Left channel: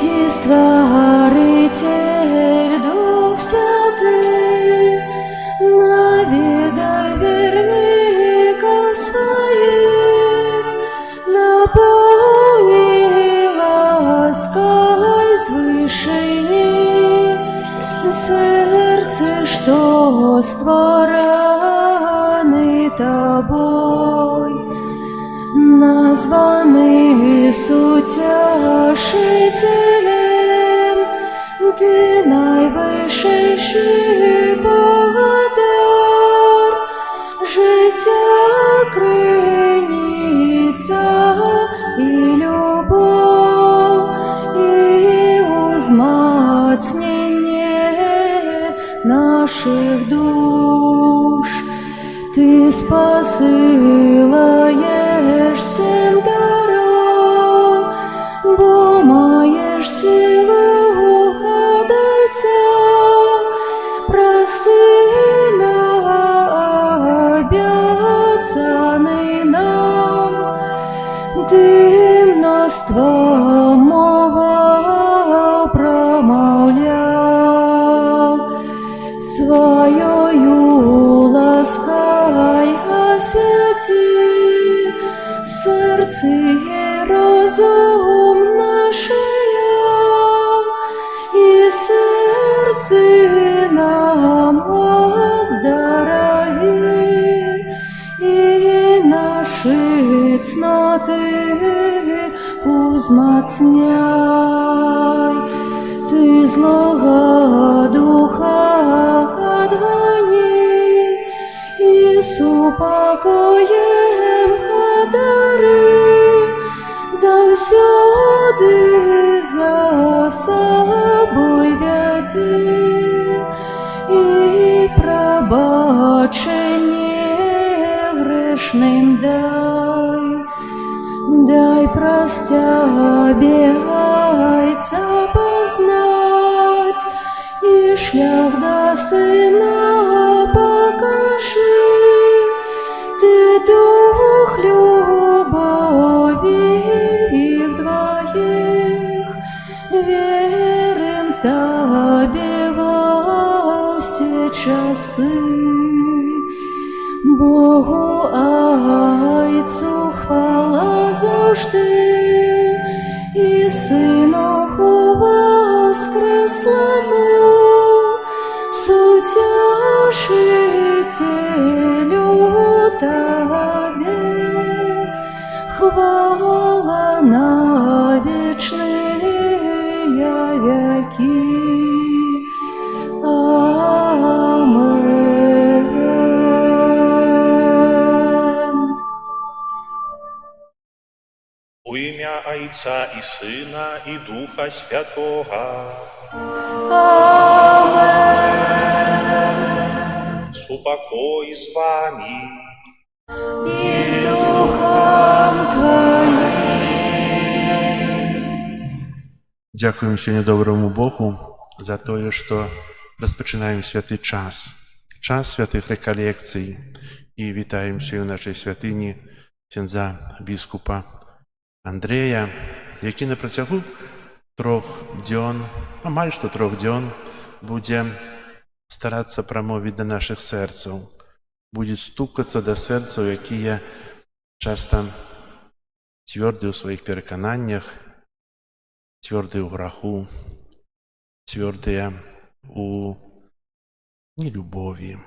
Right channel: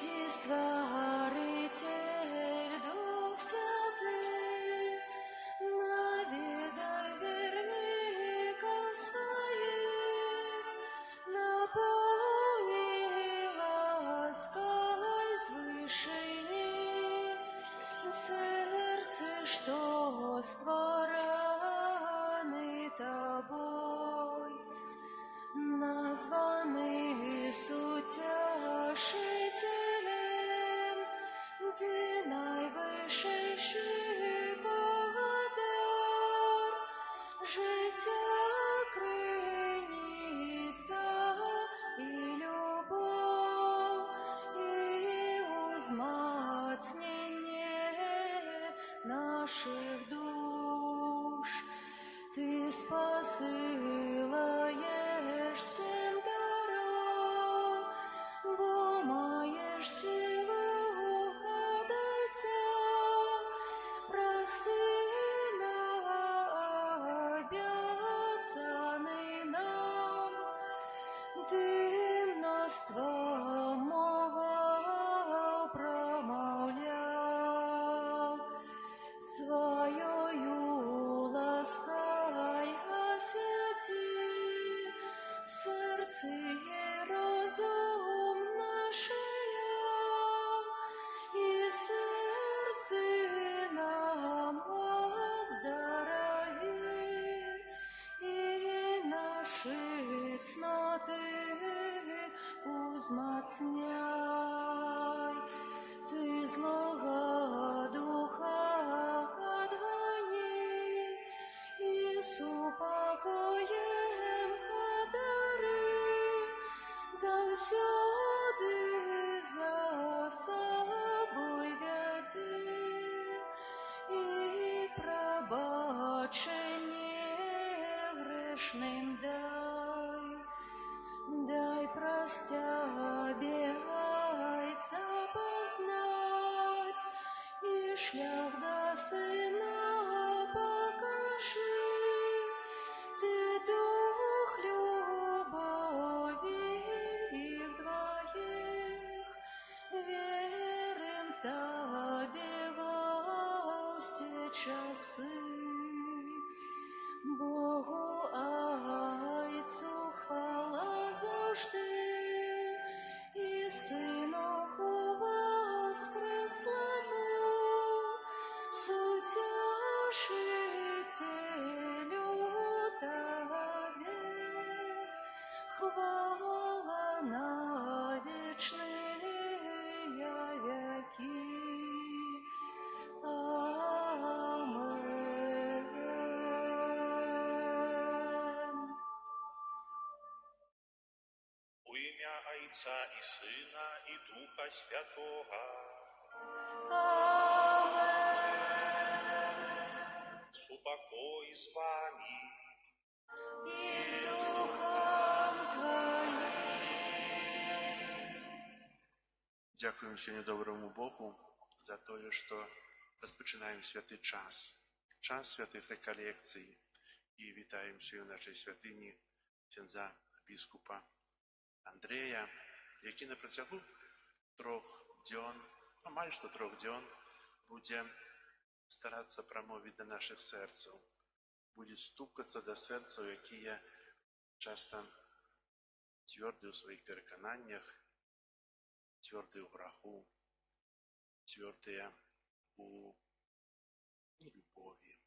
Приди, Створитель, Дух Святый, наведай верников своих, наполни лаской свышини сердце, что створаны Тобой, названы Утешителем, Ты найвищий Богодар, життя криниця і любов, і узмацнення наших душ. Ты спосилаєш всім даром, бо маєш силу угадайця, проси на обіцяний нам, Ти множство мова промовляв, своєю ласкай освяти серце і розум нашия, і серце нам оздорови, і наші цноти узмацняй. Ти злого духа отгони, і з упокоєм одари, завсюди за собою веди, і пробачення грешним дай простя бігайця познать, і шлях до Сина покажи. Ти дух любові їх двоїх, вірим Тобі во всі часи. Богу Айцу хвала завжди, і Синуху воскреслому, Утешителю Тобі, хвала на вічные веки. Амен. У ім'я Отця і Сина, і Духа Святого. Амен. Супокой з вами. І з Духом Твоїм. Дякуємо сьогодні доброму Богу за те, що розпочинаємо святий час, час святих реколекцій. І вітаємо сьогодні в нашій святині ксьондза біскупа Андрея, який на протягу 3 днів, майже 3 днів, буде старатися промовити до наших серців, буде стукатися до серців, які є часто тверді у своїх переконаннях, твердые у граху, твердые у нелюбові.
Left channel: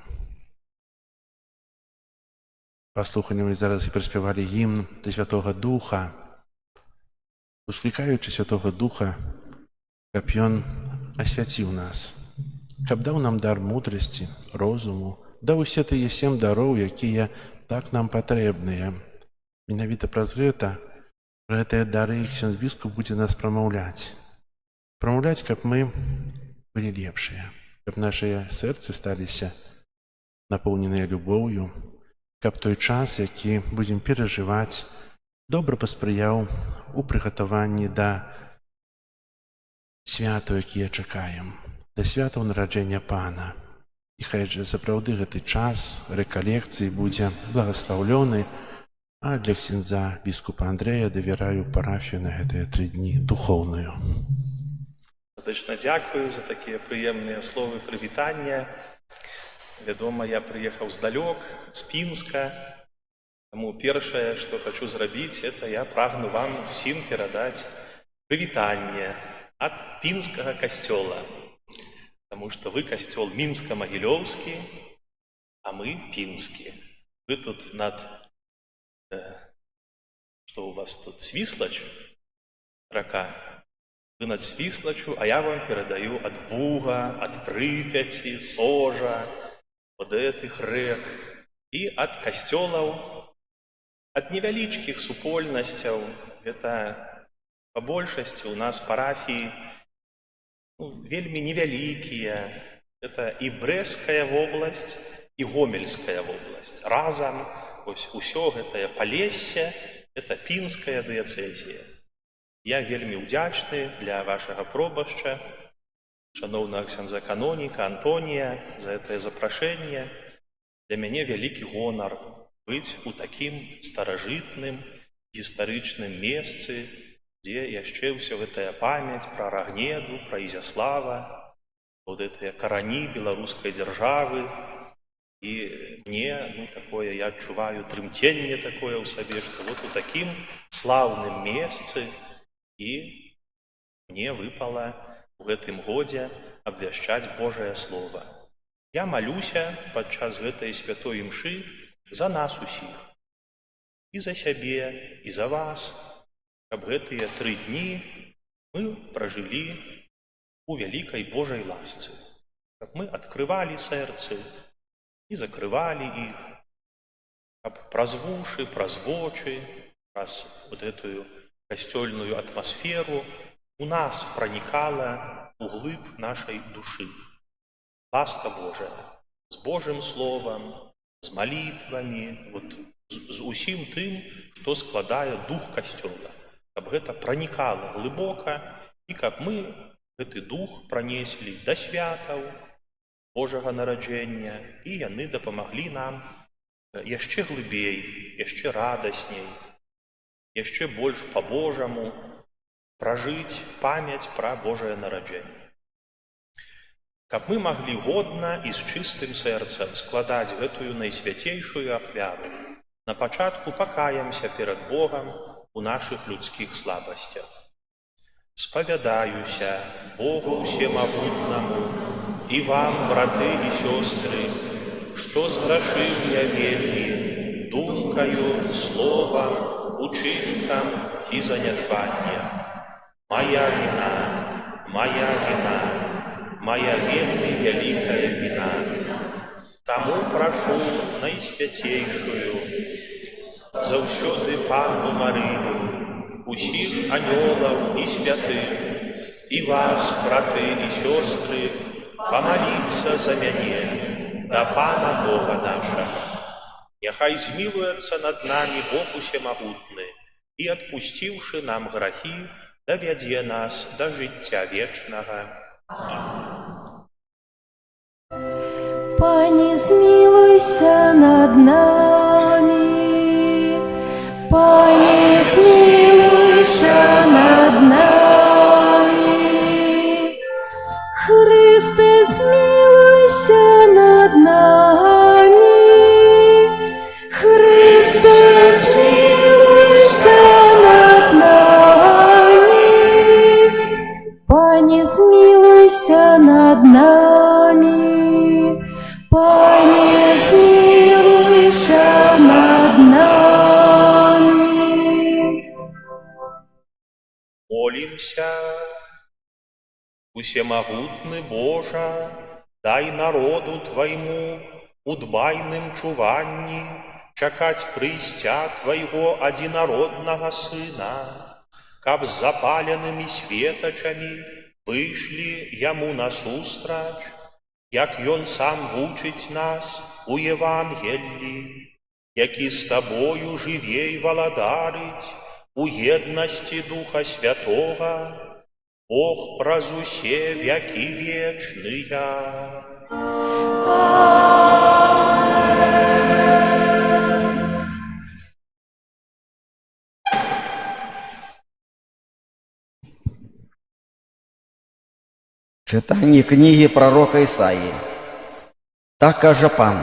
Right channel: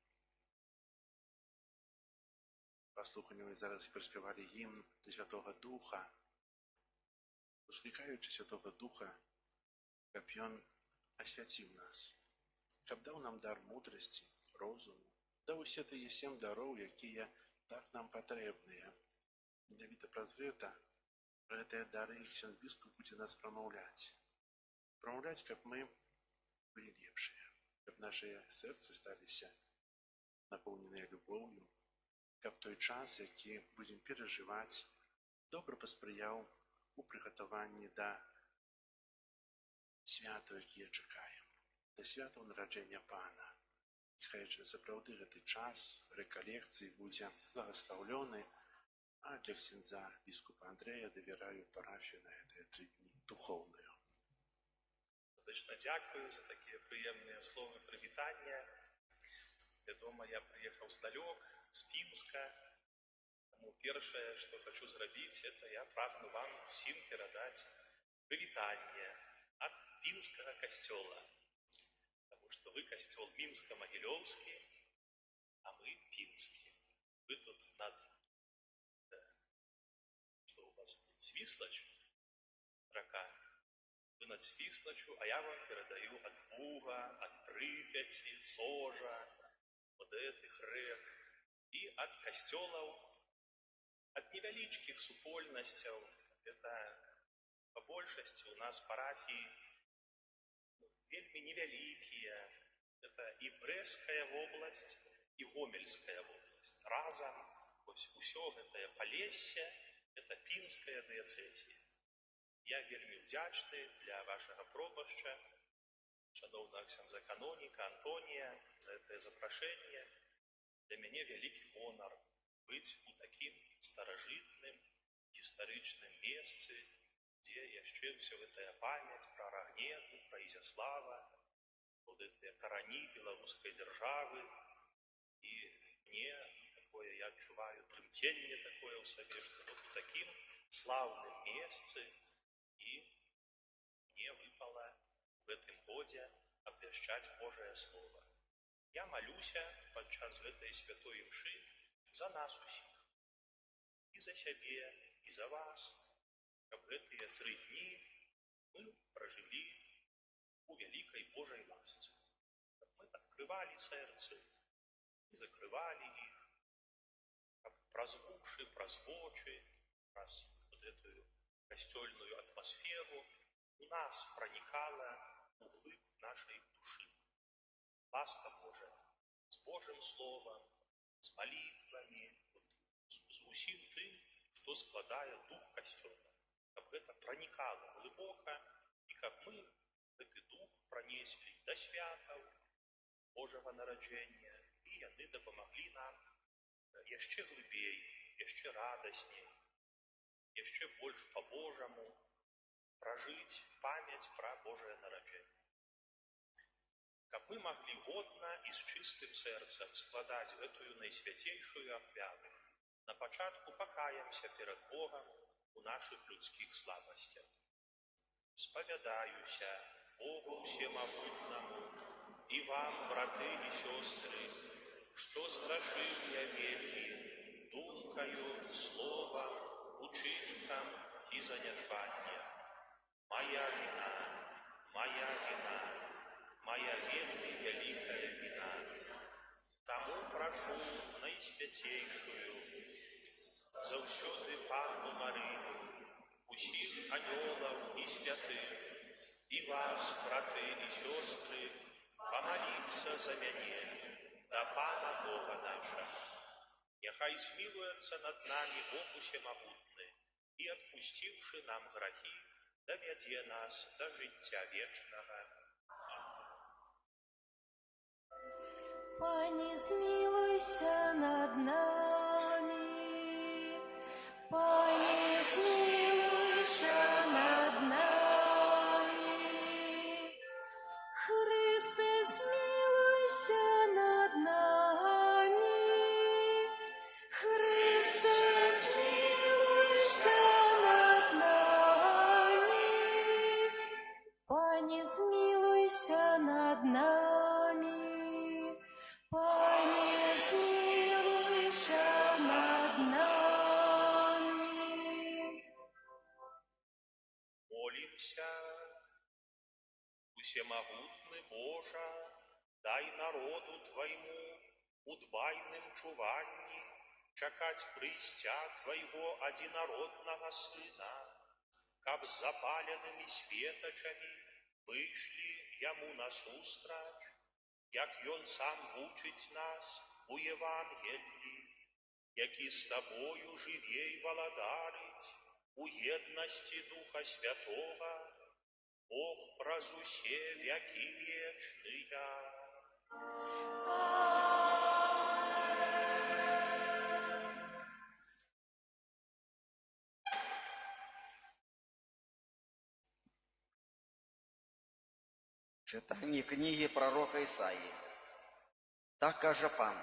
Послухаємо ми зараз і приспівали гімн до Святого Духа, ускликаючи Святого Духа, щоб Він освятив нас, щоб дав нам дар мудрості, розуму, дав усе тие 7 даров, які так нам потрібні. Менавіта праз гэта, про гэтыя дары ксёндз біскуп будзе нас прамаўляць. Прамаўляць, каб мы былі лепшыя, каб нашыя сэрцы сталіся напоўненыя любоўю, каб той час, які будзем перажываць, добра паспрыяў у прыгатаванні да святаў, якія чакаем, да святаў нараджэння Пана. І хай жа сапраўды гэты час рэкалекцыі будзе благаслаўлёны, а для ксяндза біскупа Андрэя давяраю парафію на гэтыя 3 дні духоўную. Сэрдачна дзякую за такія прыемныя словы прывітання. Вядома, я прыехаў здалёк, з Пінска. Таму першае, што хачу зрабіць, это я прагну вам усім перадаць прывітанне ад пінскага касцёла. Таму што вы касцёл мінска-магілёўскі, а мы пінскі. Вы тут над... Што у вас тут? Свіслач? Рака. Вы над Свіслачу, а я вам перадаю ад Буга, ад Прыпяці, Сожа, от гэтых рэк і ад касцёлаў, ад невялічкіх супольнасцяў. Это па большасці у нас парафіі вельмі невялікія. Это і Брэсцкая вобласць, і Гомельская вобласць. Разам усё гэтае Палессе – это пінская дыяцэзія. Я вельмі ўдзячны для вашага пробашча, шаноўнага ксяндза каноніка Антонія, за гэтае запрашэнне. Для мяне вялікі гонар быць у такім старажытным гістарычным месцы, дзе яшчэ ўсё гэтая памяць пра Рагнеду, пра Ізяслава, вот гэтыя карані беларускай дзяржавы. І мне, такое, я адчуваю трымценне такое ў сабе, што вот у такім слаўным месцы і мне выпала у гэтым годзе абвяшчаць Божае Слова. Я малюся падчас гэтай святой імшы за нас усіх. І за сябе, і за вас, каб гэтыя 3 дні мы пражылі у вялікай Божай ласцы. Каб мы адкрывалі сэрцы і закрывалі іх, каб праз вушы, праз вочы, праз вот гэтую касцёльную атмасферу у нас пранікала углыб нашай душы. Ласка Божая з Божым Словам, з малітвамі, з усім тым, што складае дух касцёла. Каб гэта пранікала глыбока і каб мы гэты дух пранеслі да святаў Божага нараджэння, і яны дапамаглі нам яшчэ глыбей, яшчэ радасней, яшчэ больш па-божаму пражыць памяць пра Божае нараджэнне. Каб мы маглі годна і з чыстым сэрцам складаць гэтую найсвяцейшую ахвяру, на пачатку пакаемся перад Богам у нашых людскіх слабасцях. Спавядаюся Богу Всемагутнаму і вам, браты і сёстры, што зграшыў я вельмі думкаю, словам, учынкам і занядбаннем. Моя віна, моя вельмі вялікая віна. Таму прашу найсвяцейшую, заўсёды Панну Марыю, усіх анёлаў і святых, і вас, браты і сёстры, памаліцца за мяне да Пана Бога нашага. Няхай змілуецца над намі Бог Усемагутны і, адпусціўшы нам грахі, давядзе нас да жыцця вечнага. Пане, змилуйся над нами, Пане, змилуйся над нами, Христе, змилуйся над нами, Христе, змилуйся над нами, Пане, змилуйся над нами. Пане, змилуйся над нами. Молімся. Усемагутны Божа, дай народу Твайму у дбайным чуванні чакаць прыйсця Твайго адзінароднага Сына, каб з запаленымі светачамі выйшлі Яму насустрач, як Ён сам вучыць нас у Евангеллі, які з Табою жыве і валадарыць у еднасці Духа Святога, Бог праз усе вякі вечныя. Читання книги пророка Ісаї. Так каже Пан,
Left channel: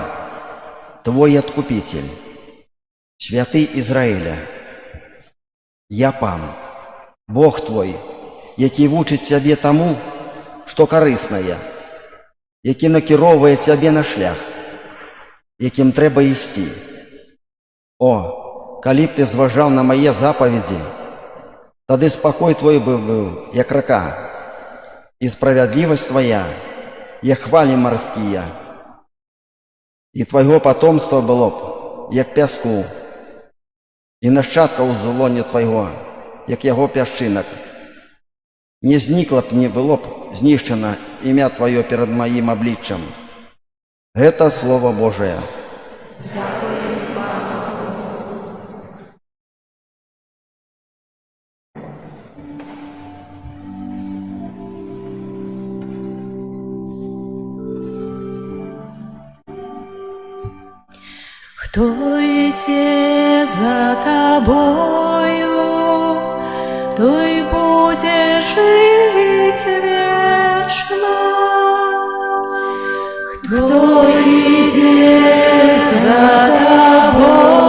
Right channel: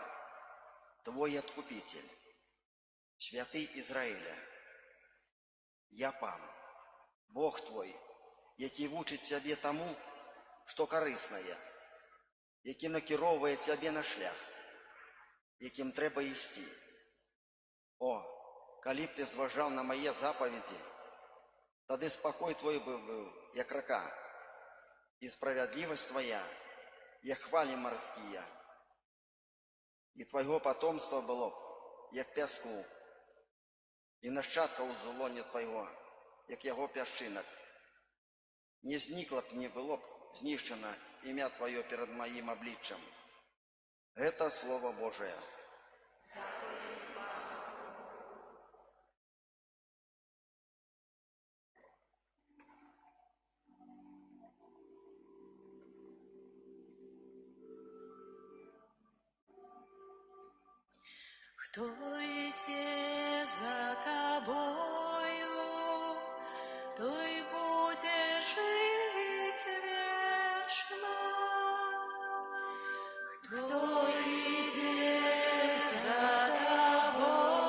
твой Откупитель, святий Ізраїля. Я Пан, Бог твой, який вучить тебе тому, що корисне, який накеровує тебе на шлях, яким треба йти. О, коли б ти зважав на мої заповіді, тоді спокій твій був, як река, і справедливість твоя, як хвалі морські, і твого потомства було б, як піску, і нащадка у золоні твого, як його пясчинок. Не зникло б, не було б знищено ім'я твоє перед моїм обличчям. Это Слово Божие. Кто идет за тобою, той будет жить вечно. Кто идет за тобою,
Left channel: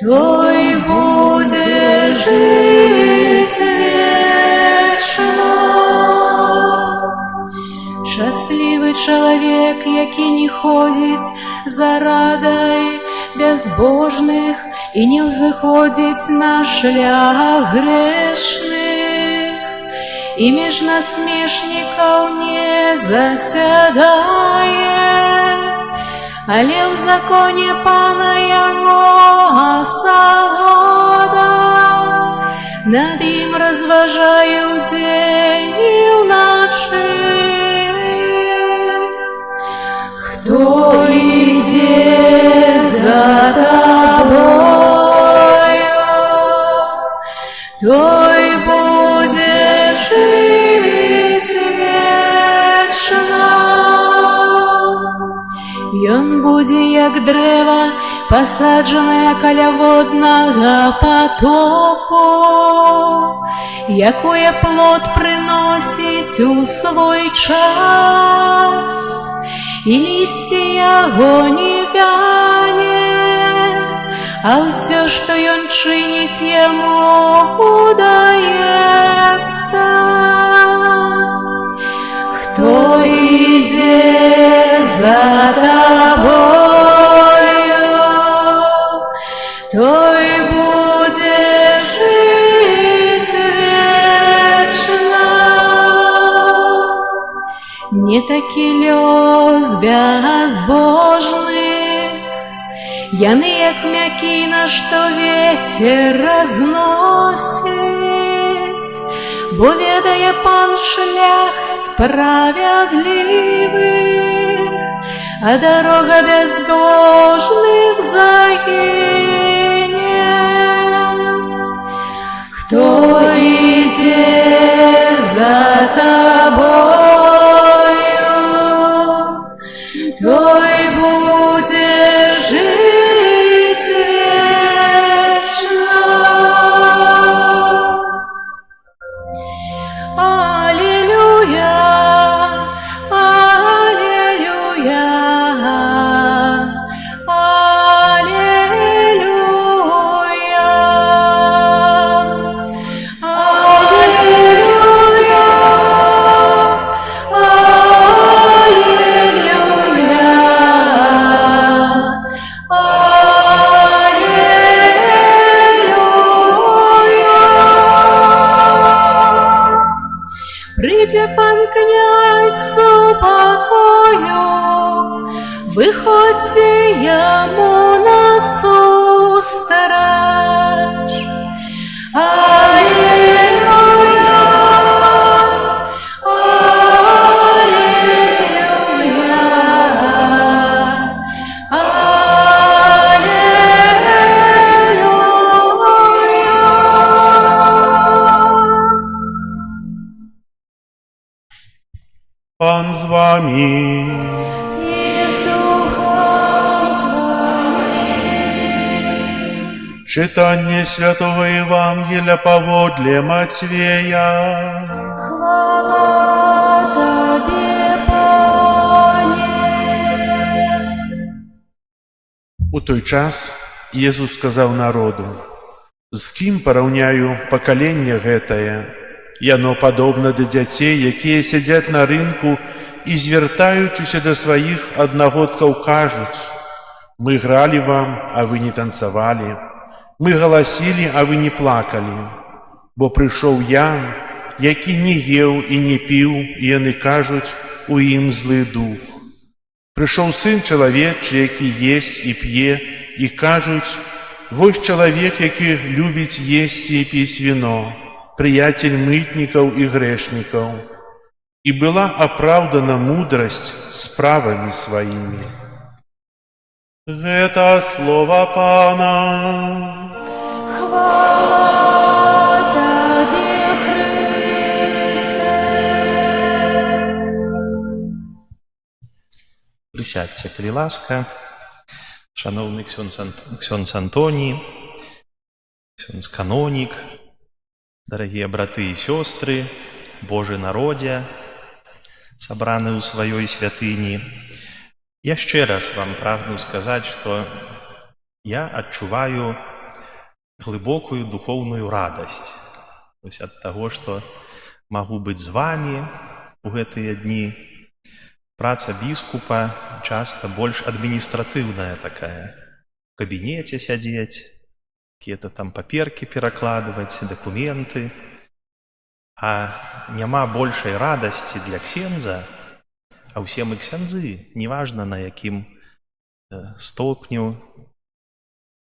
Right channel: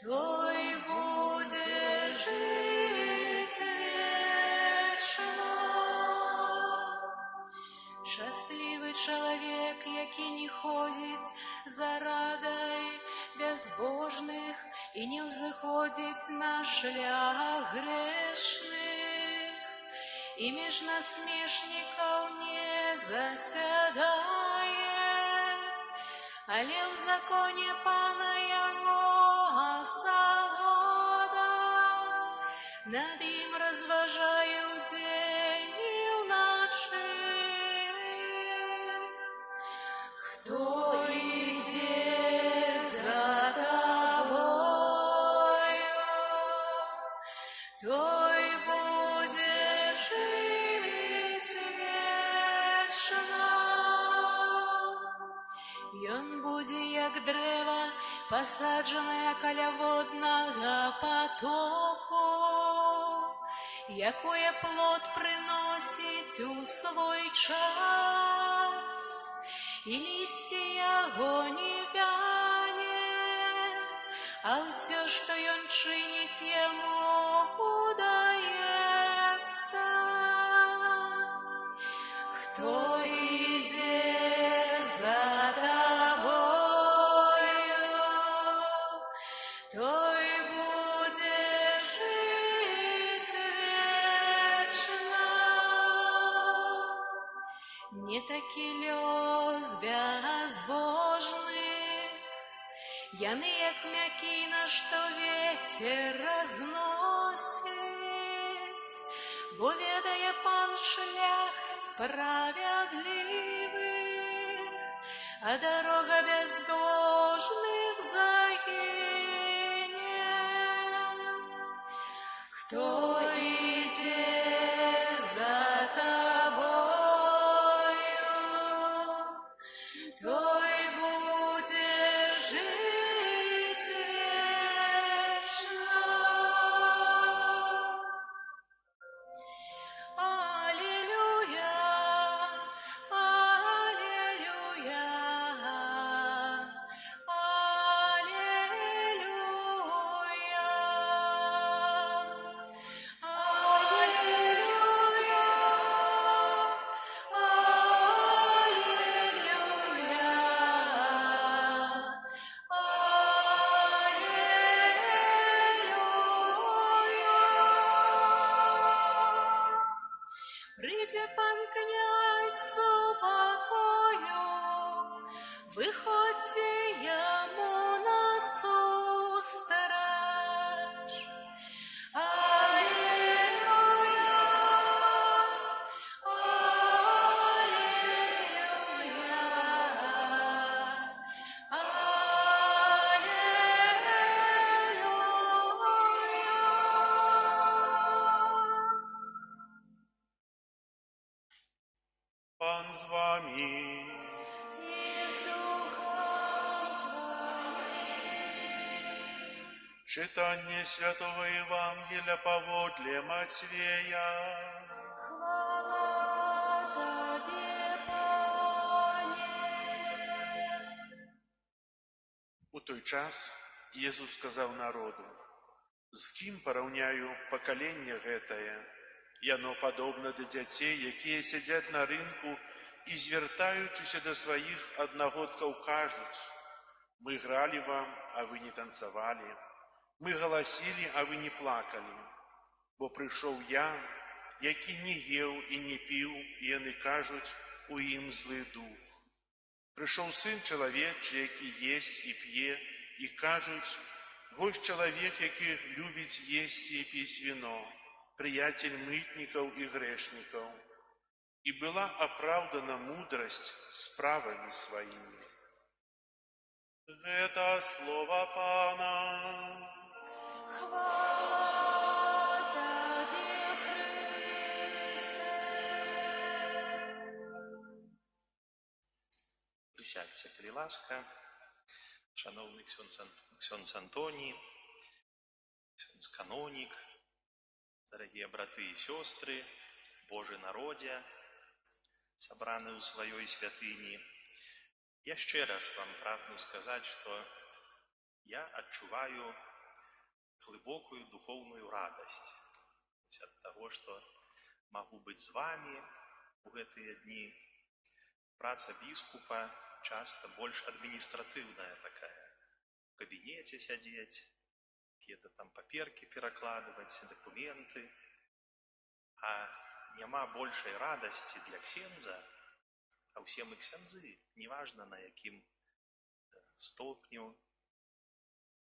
той будет жить вечно. Щасливий чоловік, який не ходить за радой безбожных и не взходить на шлях грешных, и меж насмешников не заседает, але в законе Пана Его осолода, над им розважаю день и вночі. Кто идет за тобою, той будет жить вечно. Ён буде, як древо, посаджене каля водного потоку, якое плод приносить у свой час, і листя його не вяне, а все, що ён чинить, йому удається. Хто йде за тобою, той буде жить вечно. Не такі льоз безбожних, яны як мякіна, што ветер разносить, бо ведае Пан шлях справедливых, а дорога безбожных загине. Хто йде за тобою, той буде жить вечно. Аллилуйя, аллилуйя, аллилуйя, прийде Пан князь с упокою, виходьте йому насустрач. Аллилуйя, аллилуйя, аллилуйя. Пан з вами. И с духом твоим. Читання Святого Євангелія поводле Матвея. У той час Езус сказаў народу: «З кім параўняю пакаленне гэтае? Яно падобна да дзяцей, якія сядзяць на рынку і, звяртаючыся да сваіх аднагодкаў, кажуць: мы гралі вам, а вы не танцавалі, мы галасілі, а вы не плакалі. Бо прыйшоў я, які не еў і не піў, і яны кажуць, у ім злы дух. Прыйшоў сын чалавечы, які есць і п'е, і кажуць: вось чалавек, які любіць есці і піць віно, прыяцель мытнікаў і грэшнікаў. І была апраўдана мудрасць справамі сваімі». Гэта слова Пана. Хвала Табе, Хрысте. Прысядьце, калі ласка, шановны ксёндз Антоній, ксёндз канонік, дарагія браты і сёстры, Божы народзе, сабраны ў сваёй святыні. Яшчэ раз вам прагну сказаць, што я адчуваю глыбокую духоўную радасць ад таго, што магу быць з вамі у гэтыя дні. Праца біскупа часта больш адміністратыўная такая. У кабінеце сядзець, какие-то там паперкі перакладваць, дакументы. А няма большай радасці для ксендза, а ўсе мы ксяндзы, неважна на якім стопню,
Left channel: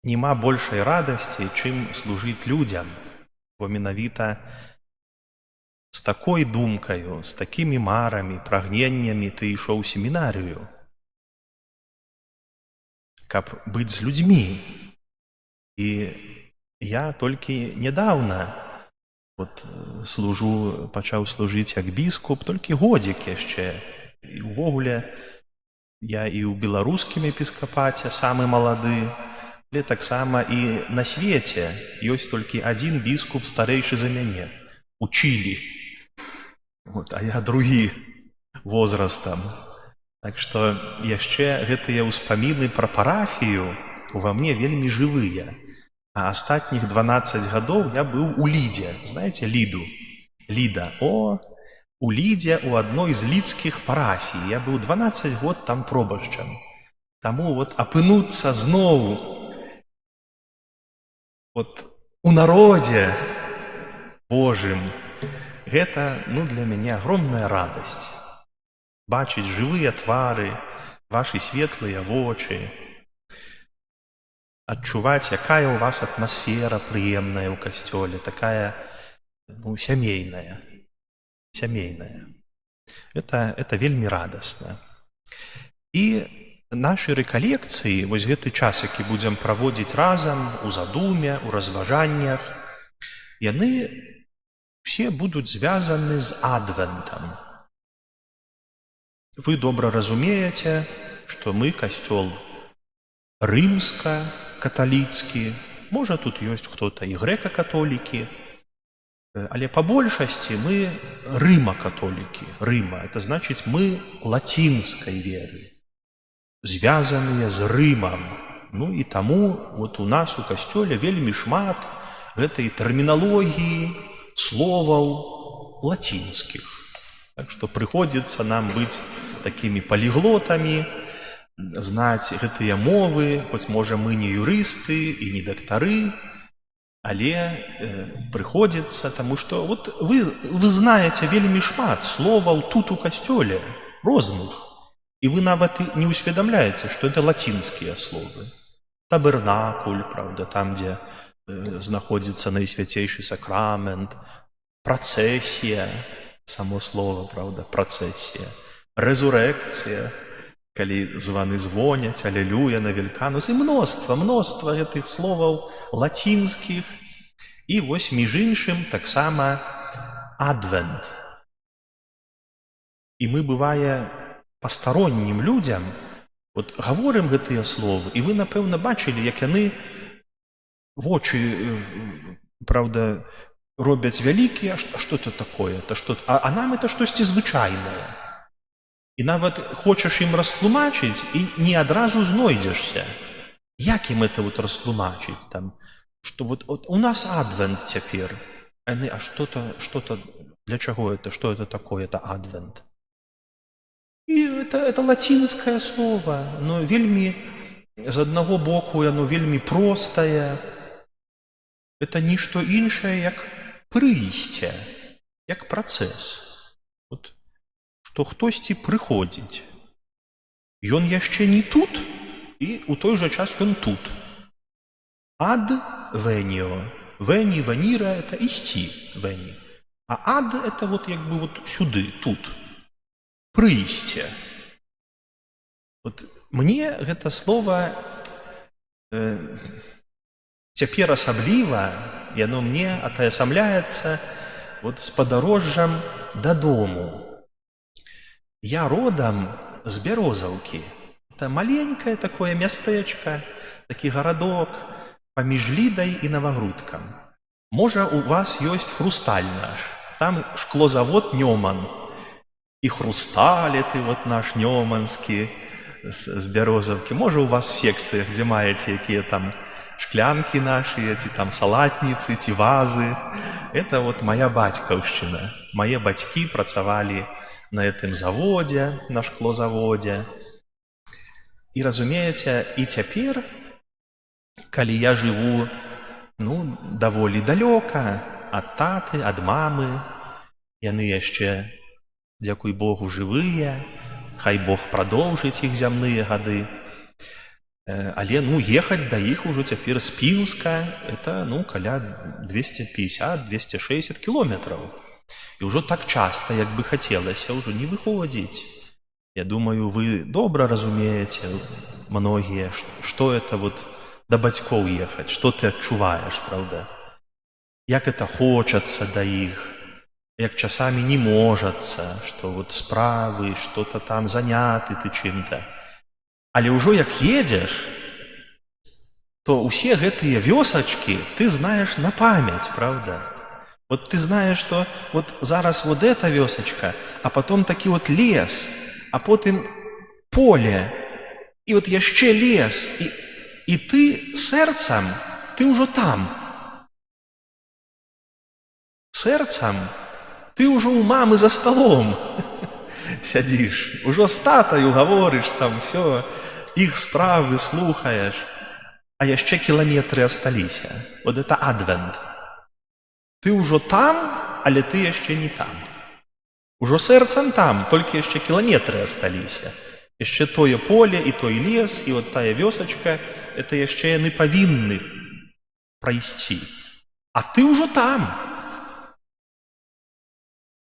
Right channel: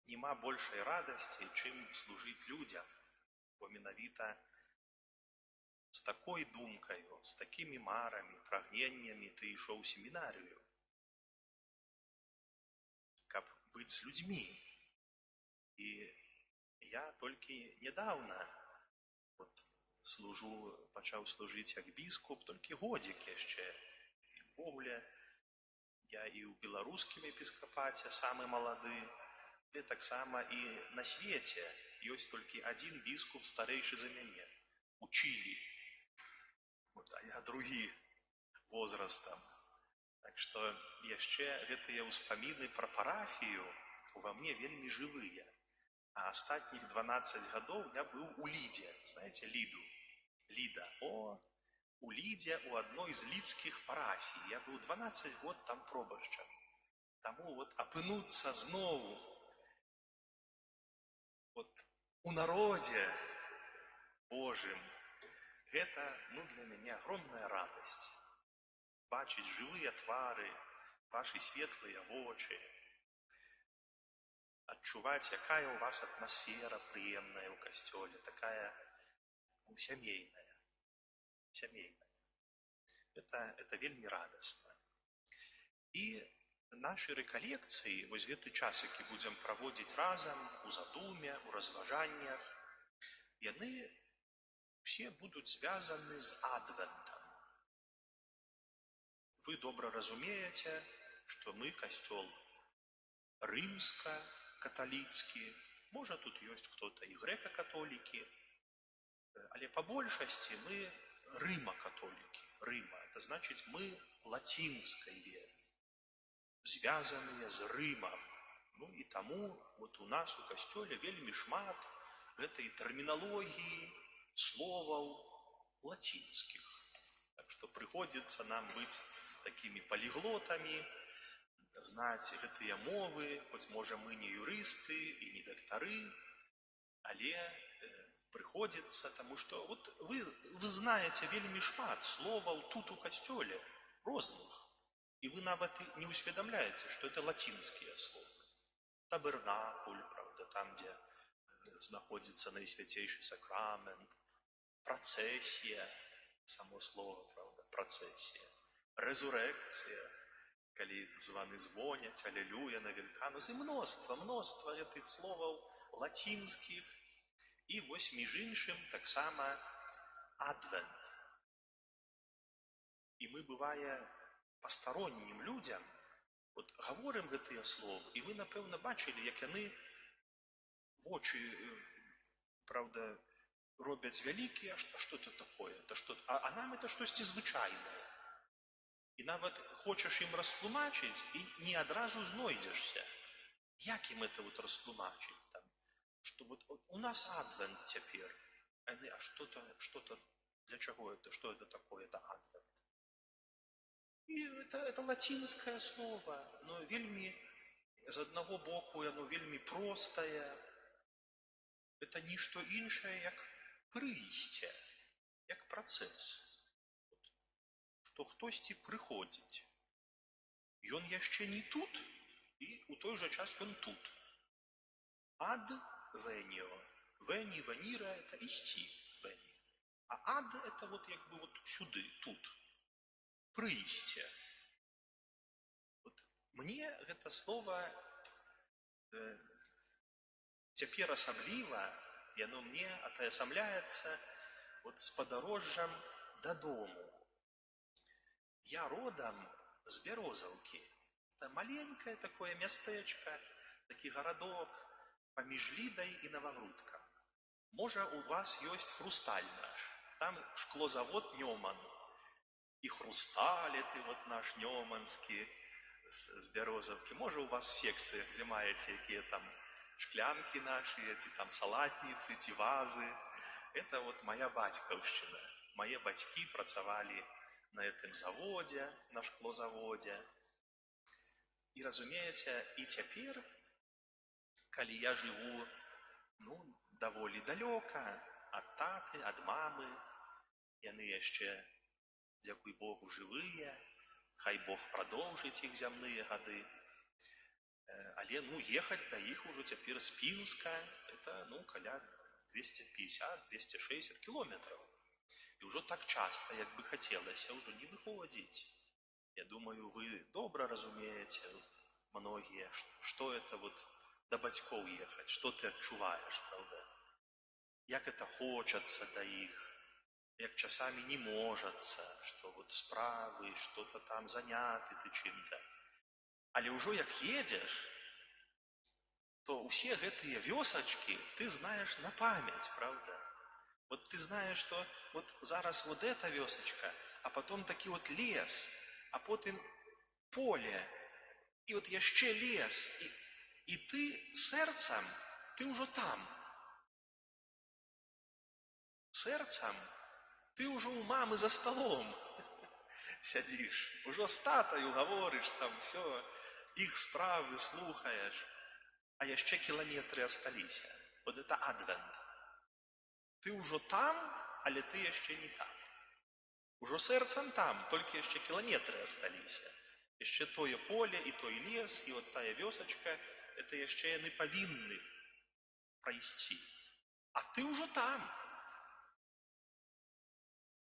няма большай радасці, чым служыць людзям, бо менавіта з такой думкаю, з такімі марамі, прагненнямі ты ішоў у семінарыю, каб быць з людзьмі. І я толькі нядаўна пачаў служыць як біскуп, толькі годзік яшчэ. І ўвогуле я і ў беларускім епіскапаце самы малады, але таксама і на свеце ёсць толькі адзін біскуп старэйшы за мяне у Чылі. А я другі возрастам. Так што яшчэ гэтыя ўспаміны пра парафію ува мне вельмі жывыя. А астатніх 12 гадоў я быў у Лідзе. Знаеце Ліду? Ліда. У Лідзе, у адной з лідскіх парафій. Я быў 12 год там пробашчам. Таму апынуцца зноў у народзе Божым, гэта для мяне агромная радасць. Бачыць жывыя твары, вашы светлыя вочы, адчуваць, якая ў вас атмасфера прыемная ў касцёле, такая сямейная. Это вельмі радасна. І нашы рэкалекцыі, вось гэты час, які будзем праводзіць разам у задуме, у разважаннях, яны все будуць звязаны з адвентам. Вы добра разумееце, што мы касцёл рымска-каталіцкі, можа тут ёсць хто-то і грэка-католікі, але па большасці мы рыма-католікі. Рыма, это значыць мы лацінскай веры, звязаныя з Рымам. І таму у нас у касцёле вельмі шмат гэтай тэрміналогіі, словаў лацінскіх. Так што прыходзіцца нам быць такімі паліглотамі, знаць гэтыя мовы, хоць можа мы не юрысты і не дактары, але прыходзіцца, таму што вы знаеце вельмі шмат словаў тут у касцёле, розных, і вы нават не ўсведамляеце, што это лацінскія словы. Табернакуль, правда, там, дзе знаходзіцца найсвяцейшы сакрамент, працэсія, само слово, правда, працэсія, рэзурэкцыя, калі званы звоняць, алелюя на Вельканус, і мноства гэтых словаў лацінскіх. І вось, між іншым, таксама адвент. І мы, бывае, пастароннім людзям гаворым гэтыя словы, і вы, напэўна, бачылі, як яны вочы, правда, робяць вялікія, а што это такое? А нам это штосьці звычайнае. І нават хочаш ім растлумачыць, і не адразу знойдзешся. Як ім это вот растлумачыць там, што вот у нас адвент цяпер, а что-то, для чаго это, что это такое, это адвент? І это лацінскае слово, но вельмі, з аднаго боку, яно вельмі простае. Это нішто іншае, як прыйсце, як працэс. Вот, што хтосьці прыходзіць. Ён яшчэ не тут, і ў той жа час ён тут. Ад веніо. Вені, веніра – это ісці, вені. А ад – это вот як бы вот сюды, тут. Прыйсце. Вот мне гэта слова цяпер асабліва, яно мне атаясамляецца вот з падарожжам дадому. Я родам з Бярозаўкі. Это маленькое такое мястэчка, такі гарадок паміж Лідай і Навагрудкам. Можа, у вас ёсць Хрусталь наш. Там шклозавод Нёман. І Хрусталь ты вот наш нёманскі з Бярозаўкі. Можа, у вас в секцыях, дзе маеце якія там шклянкі нашыя, ці там салатніцы, ці вазы. Это вот моя бацькаўшчына. Мае бацькі працавалі на гэтым заводзе, на шклозаводзе. І разумееце, і цяпер, калі я жыву, даволі далёка ад таты, ад мамы, яны яшчэ, дзякуй Богу, жывыя, хай Бог прадоўжыць іх зямныя гады. Але, ехаць да іх ужо цяпер з Пінска, это, каля 250-260 кілометраў. І ўжо так часта, як бы хацелася, ўжо не выходзіць. Я думаю, вы добра разумееце, многія, што это вот да бацькоў ехаць, што ты адчуваеш, правда? Як это хочацца да іх, як часамі не можацца, што вот справы, што-то там заняты ты чым-то. Але ўжо як едзеш, то ўсе гэтыя вёсачкі ты знаеш на памяць, правда? Вот ты знаешь, что вот зараз вот эта вёсачка, а потом такі вот лес, а потым поле, і вот яшчэ лес, і ты сэрцам, ты ўжо там. Сэрцам ты ўжо ў мамы за столом сядзіш, ужо з татаю гаворыш там всё, іх справы слухаеш, а яшчэ кіламетры асталіся. Вот это адвент. Ты ўжо там, але ты яшчэ не там. Ужо сэрцам там, толькі яшчэ кіламетры асталіся. Яшчэ тое поле і той лес, і вот тая вёсачка, это яшчэ яны павінны прайсці. А ты ўжо там.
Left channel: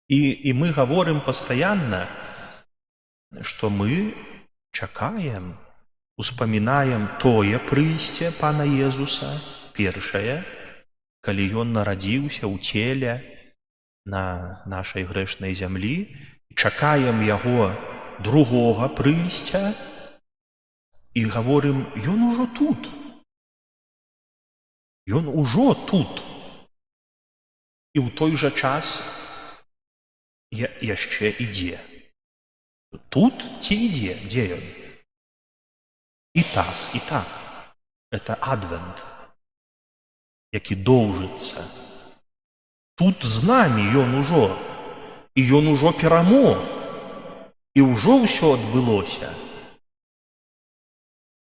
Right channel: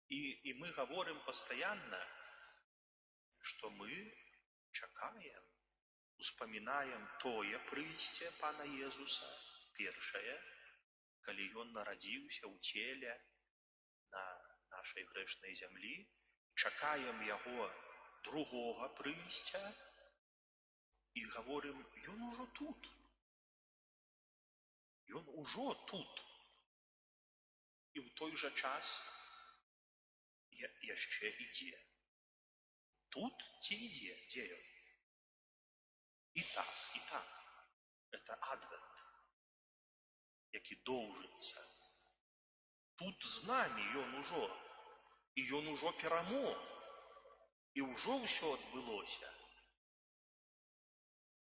І мы гаворым пастаянна, што мы чакаем, успамінаем тое прыйсце Пана Езуса, першае, калі ён нарадзіўся ў целе на нашай грэшнай зямлі, чакаем яго другога прыйсця і гаворым, ён ужо тут. Ён ужо тут. І ў той жа час яшчэ ідзе. Тут ці ідзе? Дзе ён? І так. Это адвент, які доўжыцца. Тут з намі ён ужо, і ён ужо перамог, і ўжо ўсё адбылося.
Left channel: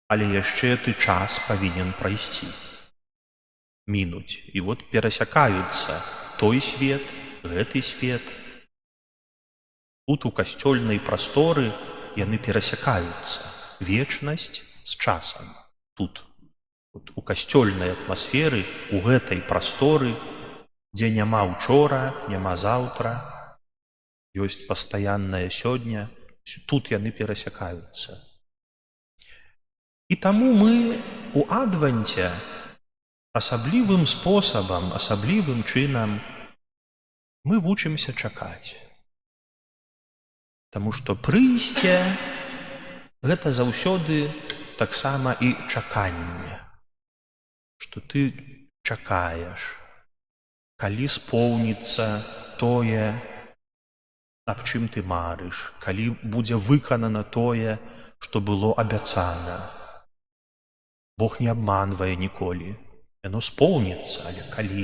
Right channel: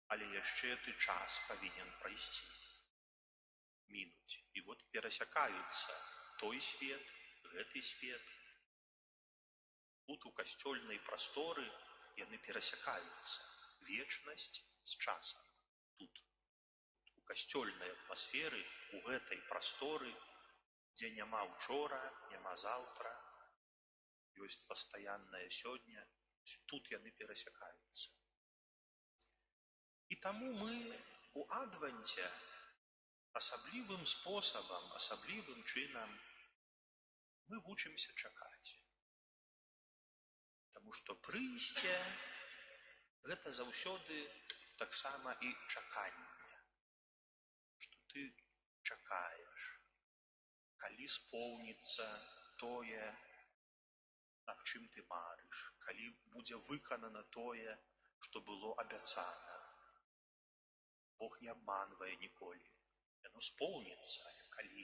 Але яшчэ ты час павінен прайсці, мінуць. І вот перасякаюцца той свет, гэты свет. Тут у касцёльнай прасторы яны перасякаюцца. Вечнасць з часам. Тут. У касцёльнай атмасферы, у гэтай прасторы, дзе няма учора, няма заўтра, ёсць пастаяннае сёння, тут яны перасякаюцца. І таму мы у адвенце асаблівым спосабам, асаблівым чынам мы вучымся чакаць. Таму што прыйсце гэта заўсёды таксама і чаканне. Што ты чакаеш, калі споўніцца тое, аб чым ты марыш, калі будзе выканана тое, што было абяцана. Бог не абманвае ніколі. Яно споўніцца, але калі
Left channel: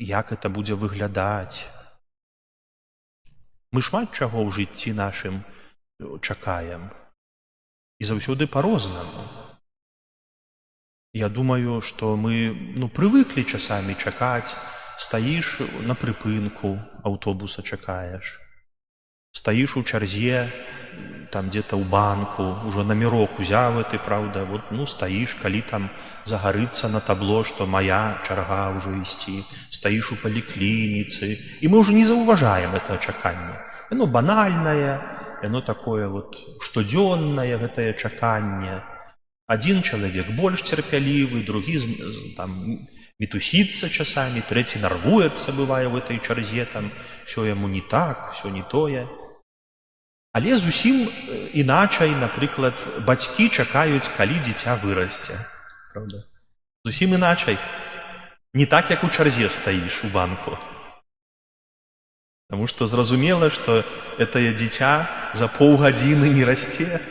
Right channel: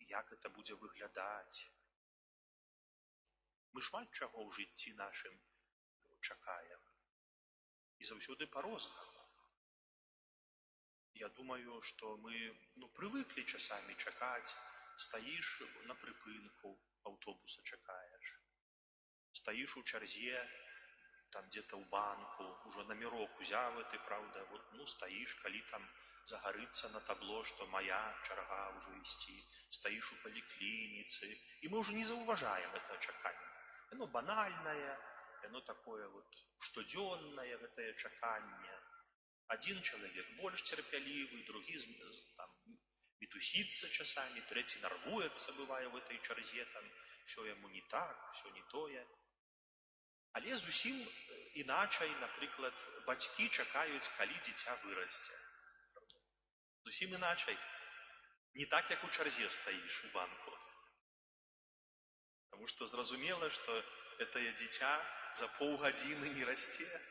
як это будзе выглядаць? Мы шмат чаго ў жыцці нашым чакаем. І заўсёды па-рознаму. Я думаю, што мы прывыклі часамі чакаць. Стаіш на прыпынку, аўтобуса чакаеш. Стаіш у чарзе, там где-то ў банку, ужо намірок узяў ты, праўда, стаіш, калі там загарыцца на табло, што моя чарга ўжо ісці. Стаіш у паліклініцы, і мы ўжо не заўважаем это чаканне. Яно банальнае, яно такое штодзённае гэтае чаканне. Адзін чалавек больш цярпялівы, другі там мітусіцца часамі, трэці нарвуецца, бывае, в этой чарзе, там, всё яму не так, всё не тое. Але зусім іначай, напрыклад, бацькі чакаюць, калі дзіця вырасце. Правда? Зусім іначай. Не так, як у чарзе стаіш у банку. Таму што зразумела, што гэтае дзіця за паўгадзіны не расце.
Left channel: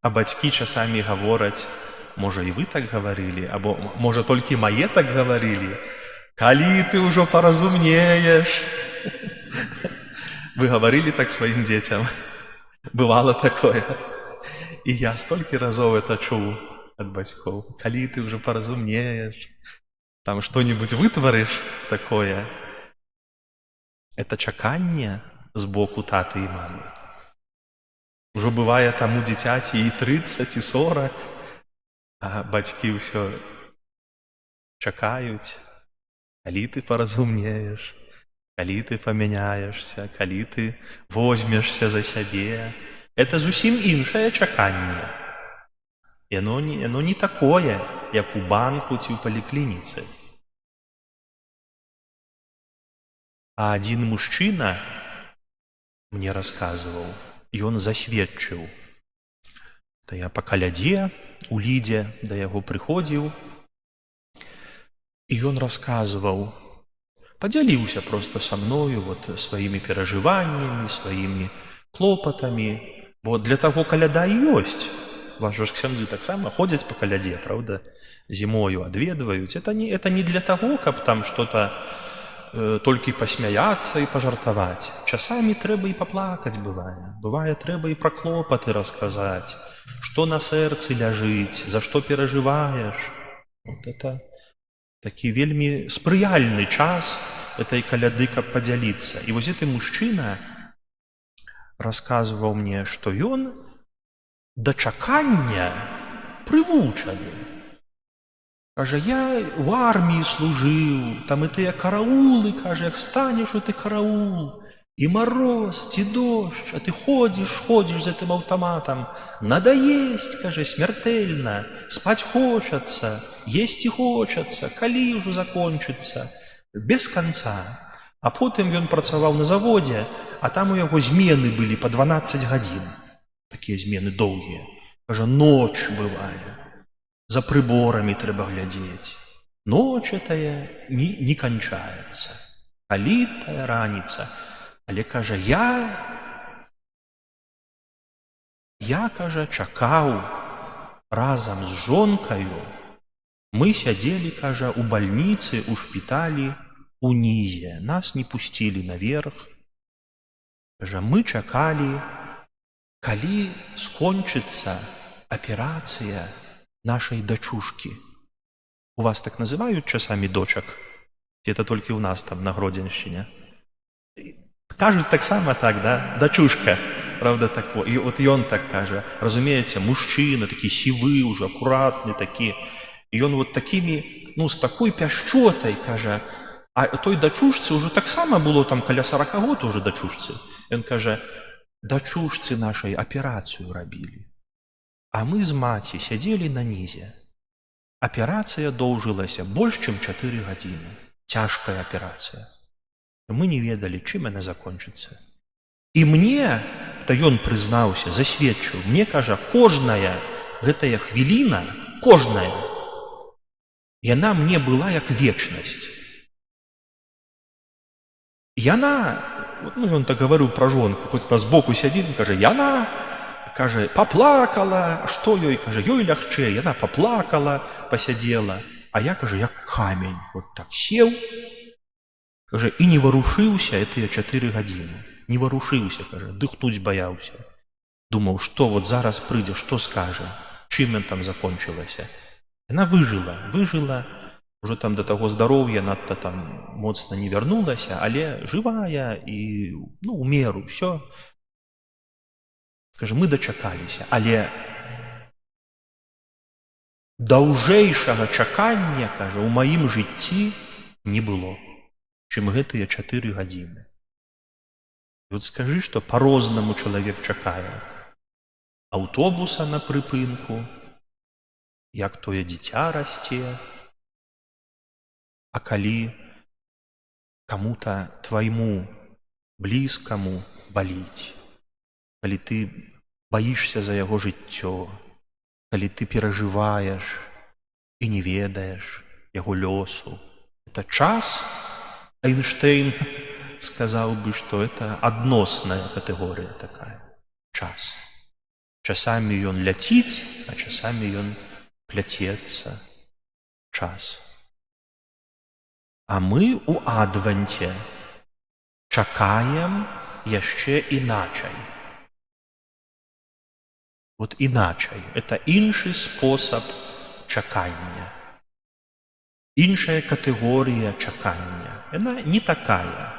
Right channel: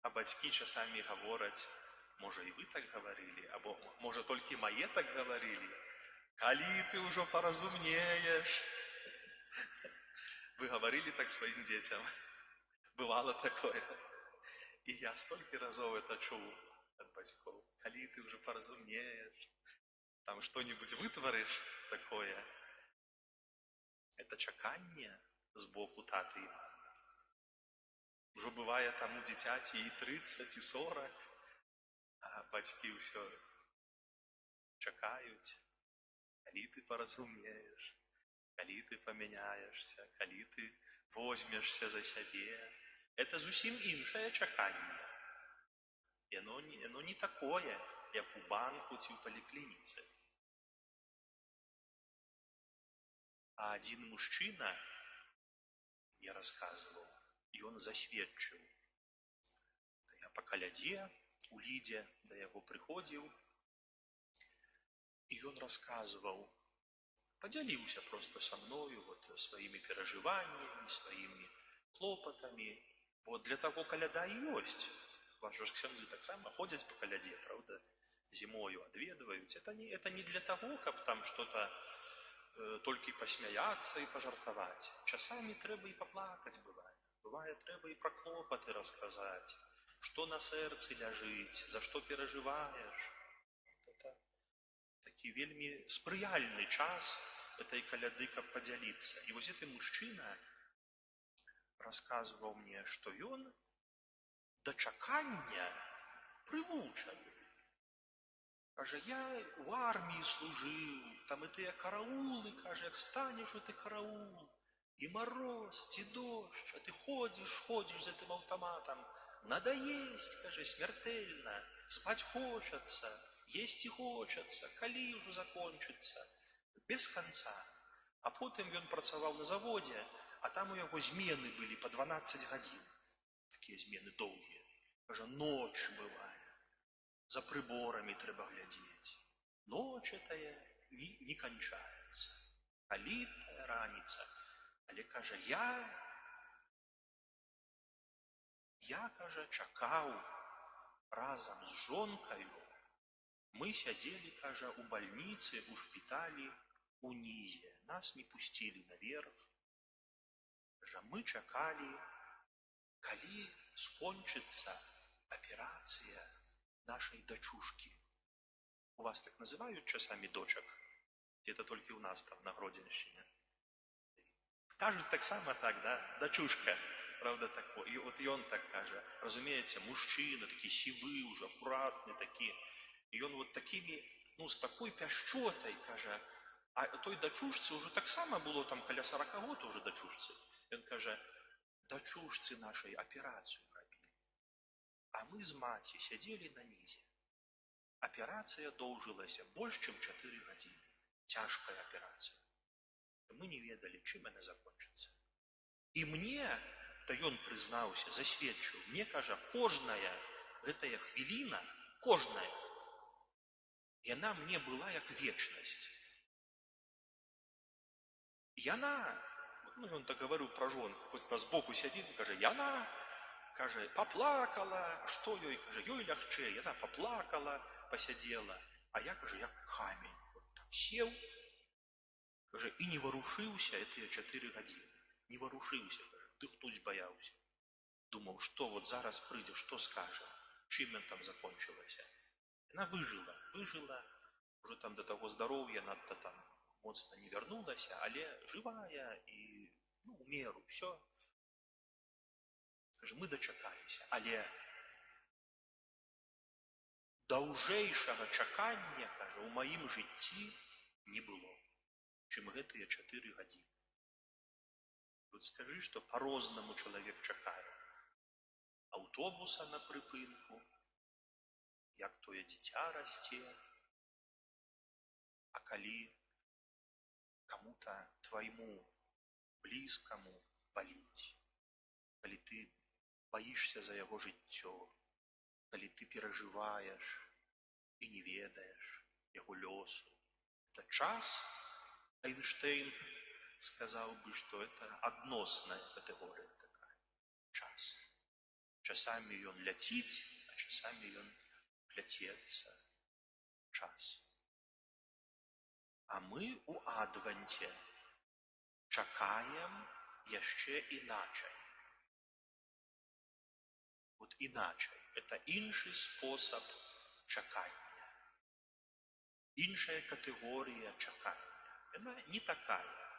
А бацькі часамі гавораць, можа, і вы так гаварылі, або, можа, толькі мае так гаварылі. Калі ты ўжо паразумнееш? Вы гаварылі так сваім дзецям? Бывала такое. І я столькі разоў это чуў ад бацькоў. Калі ты ўжо паразумнееш? Там што-небудзь вытварыш такое? Это чаканне з боку таты і мамы. Ужо бывае таму дзіцяці і 30, і 40, а бацькі ўсё чакаюць, калі ты паразумнееш, калі ты памяняешся, калі ты возьмешся за сябе. Это зусім іншае чаканне. Яно не такое, як у банку ці ў паліклініцы. А адзін мужчына мне расказваў, ён засведчыў. То я па калядзе у Лідзе да яго прыходзіў, і ён расказваў, падзяліўся проста са мною сваімі перажываннямі, сваімі клопатамі, бо для таго каляда і ёсць. Вашы ж ксяндзы таксама ходзяць па калядзе, правда, зімою адведваюць. Это не для таго, каб там што-то толькі пасмяяцца і пажартаваць. Часамі трэба і паплакаць бывае. Бывае, трэба і пра клопаты расказаць, што на сэрцы ляжыць, за што перажываеш. Это такі вельмі спрыяльны час этой каляды, каб падзяліцца. І вось гэты мужчына расказваў мне, што ён да чакання прывучаны. Кажа, я ў арміі служыў, там і тыя караулы, кажа, як станеш у ты караул, і мароз, ці дождж, а ты ходзіш з гэтым аўтаматам, надаесць, кажа, смяртэльна, спаць хочацца, есці хочацца, калі ўжо закончыцца, без канца. А потым ён працаваў на заводзе, а там у яго змены былі па 12 гадзін. Такія змены доўгія. Кажа, ноч бывае. За прыборамі трэба глядзець. Ноч тая не канчаецца. Калі тая раніца. Але, кажа, я, кажа, чакаў разам з жонкаю. Мы сядзелі, кажа, у бальніцы, у шпіталі, унізе. Нас не пусцілі наверх. Кажа, мы чакалі, калі скончыцца аперацыя нашай дачушкі. У вас так называюць часамі дочак? Ці это толькі ў нас там на Гродзеншчыне? Кажуць таксама так, да? Дачушка, правда, тако. І от ён так кажа, разумееце, мужчына, такі сівы ўжо, акуратны такі. І ён вот такімі, з такой пяшчотай, кажа, а той дачушцы ўжо таксама было там каля 40 год уже дачушцы. Ён кажа, дачушцы нашай аперацыю рабілі. А мы з маці сядзелі на нізе. Аперацыя доўжылася больш, чым 4 гадзіны. Цяжкая аперацыя. Мы не ведалі, чым яна закончыцца. І мне, то ён прызнаўся, засведчыў, мне, кажа, кожная гэтая хвіліна, кожная, яна мне была як вечнасць. Яна, ён так гаварыў пра жонку, хоць на збоку сядзіць, кажа, яна кажа, паплакала, што ёй, кажа, ёй лягчэй, яна паплакала, пасядзела, а я, кажа, як камень, вот так сеў, кажа, і не варушыўся тыя 4 гадзіны, не варушыўся, кажа, дыхнуць баяўся. Думаў, што вот зараз прыйдзе, што скажа, чым ён там закончылася. Яна выжыла, уже там до таго здароўя надта там моцна не вярнулася, але жывая і, ну, у меру, ўсё. Кажа, мы дачакаліся, але даўжэйшага чакання, кажа, у маім жыцці не было, чым гэтыя 4 гадзіны. І от скажы, што па-рознаму чалавек чакае аўтобуса на прыпынку, як тое дзіця расце, а калі каму-то твайму блізкаму баліць, калі ты баішся за яго жыццё, калі ты перажываеш і не ведаеш яго лёсу. Это час, Эйнштейн сказаў бы, што это адносная катэгорыя такая. Час. Часамі ён ляціць, а часамі ён пляцецца. Час. А мы у адванце чакаем яшчэ іначай. Вот іначай. Это іншы спосаб чакання. Іншая катэгорія чакання. Яна не такая.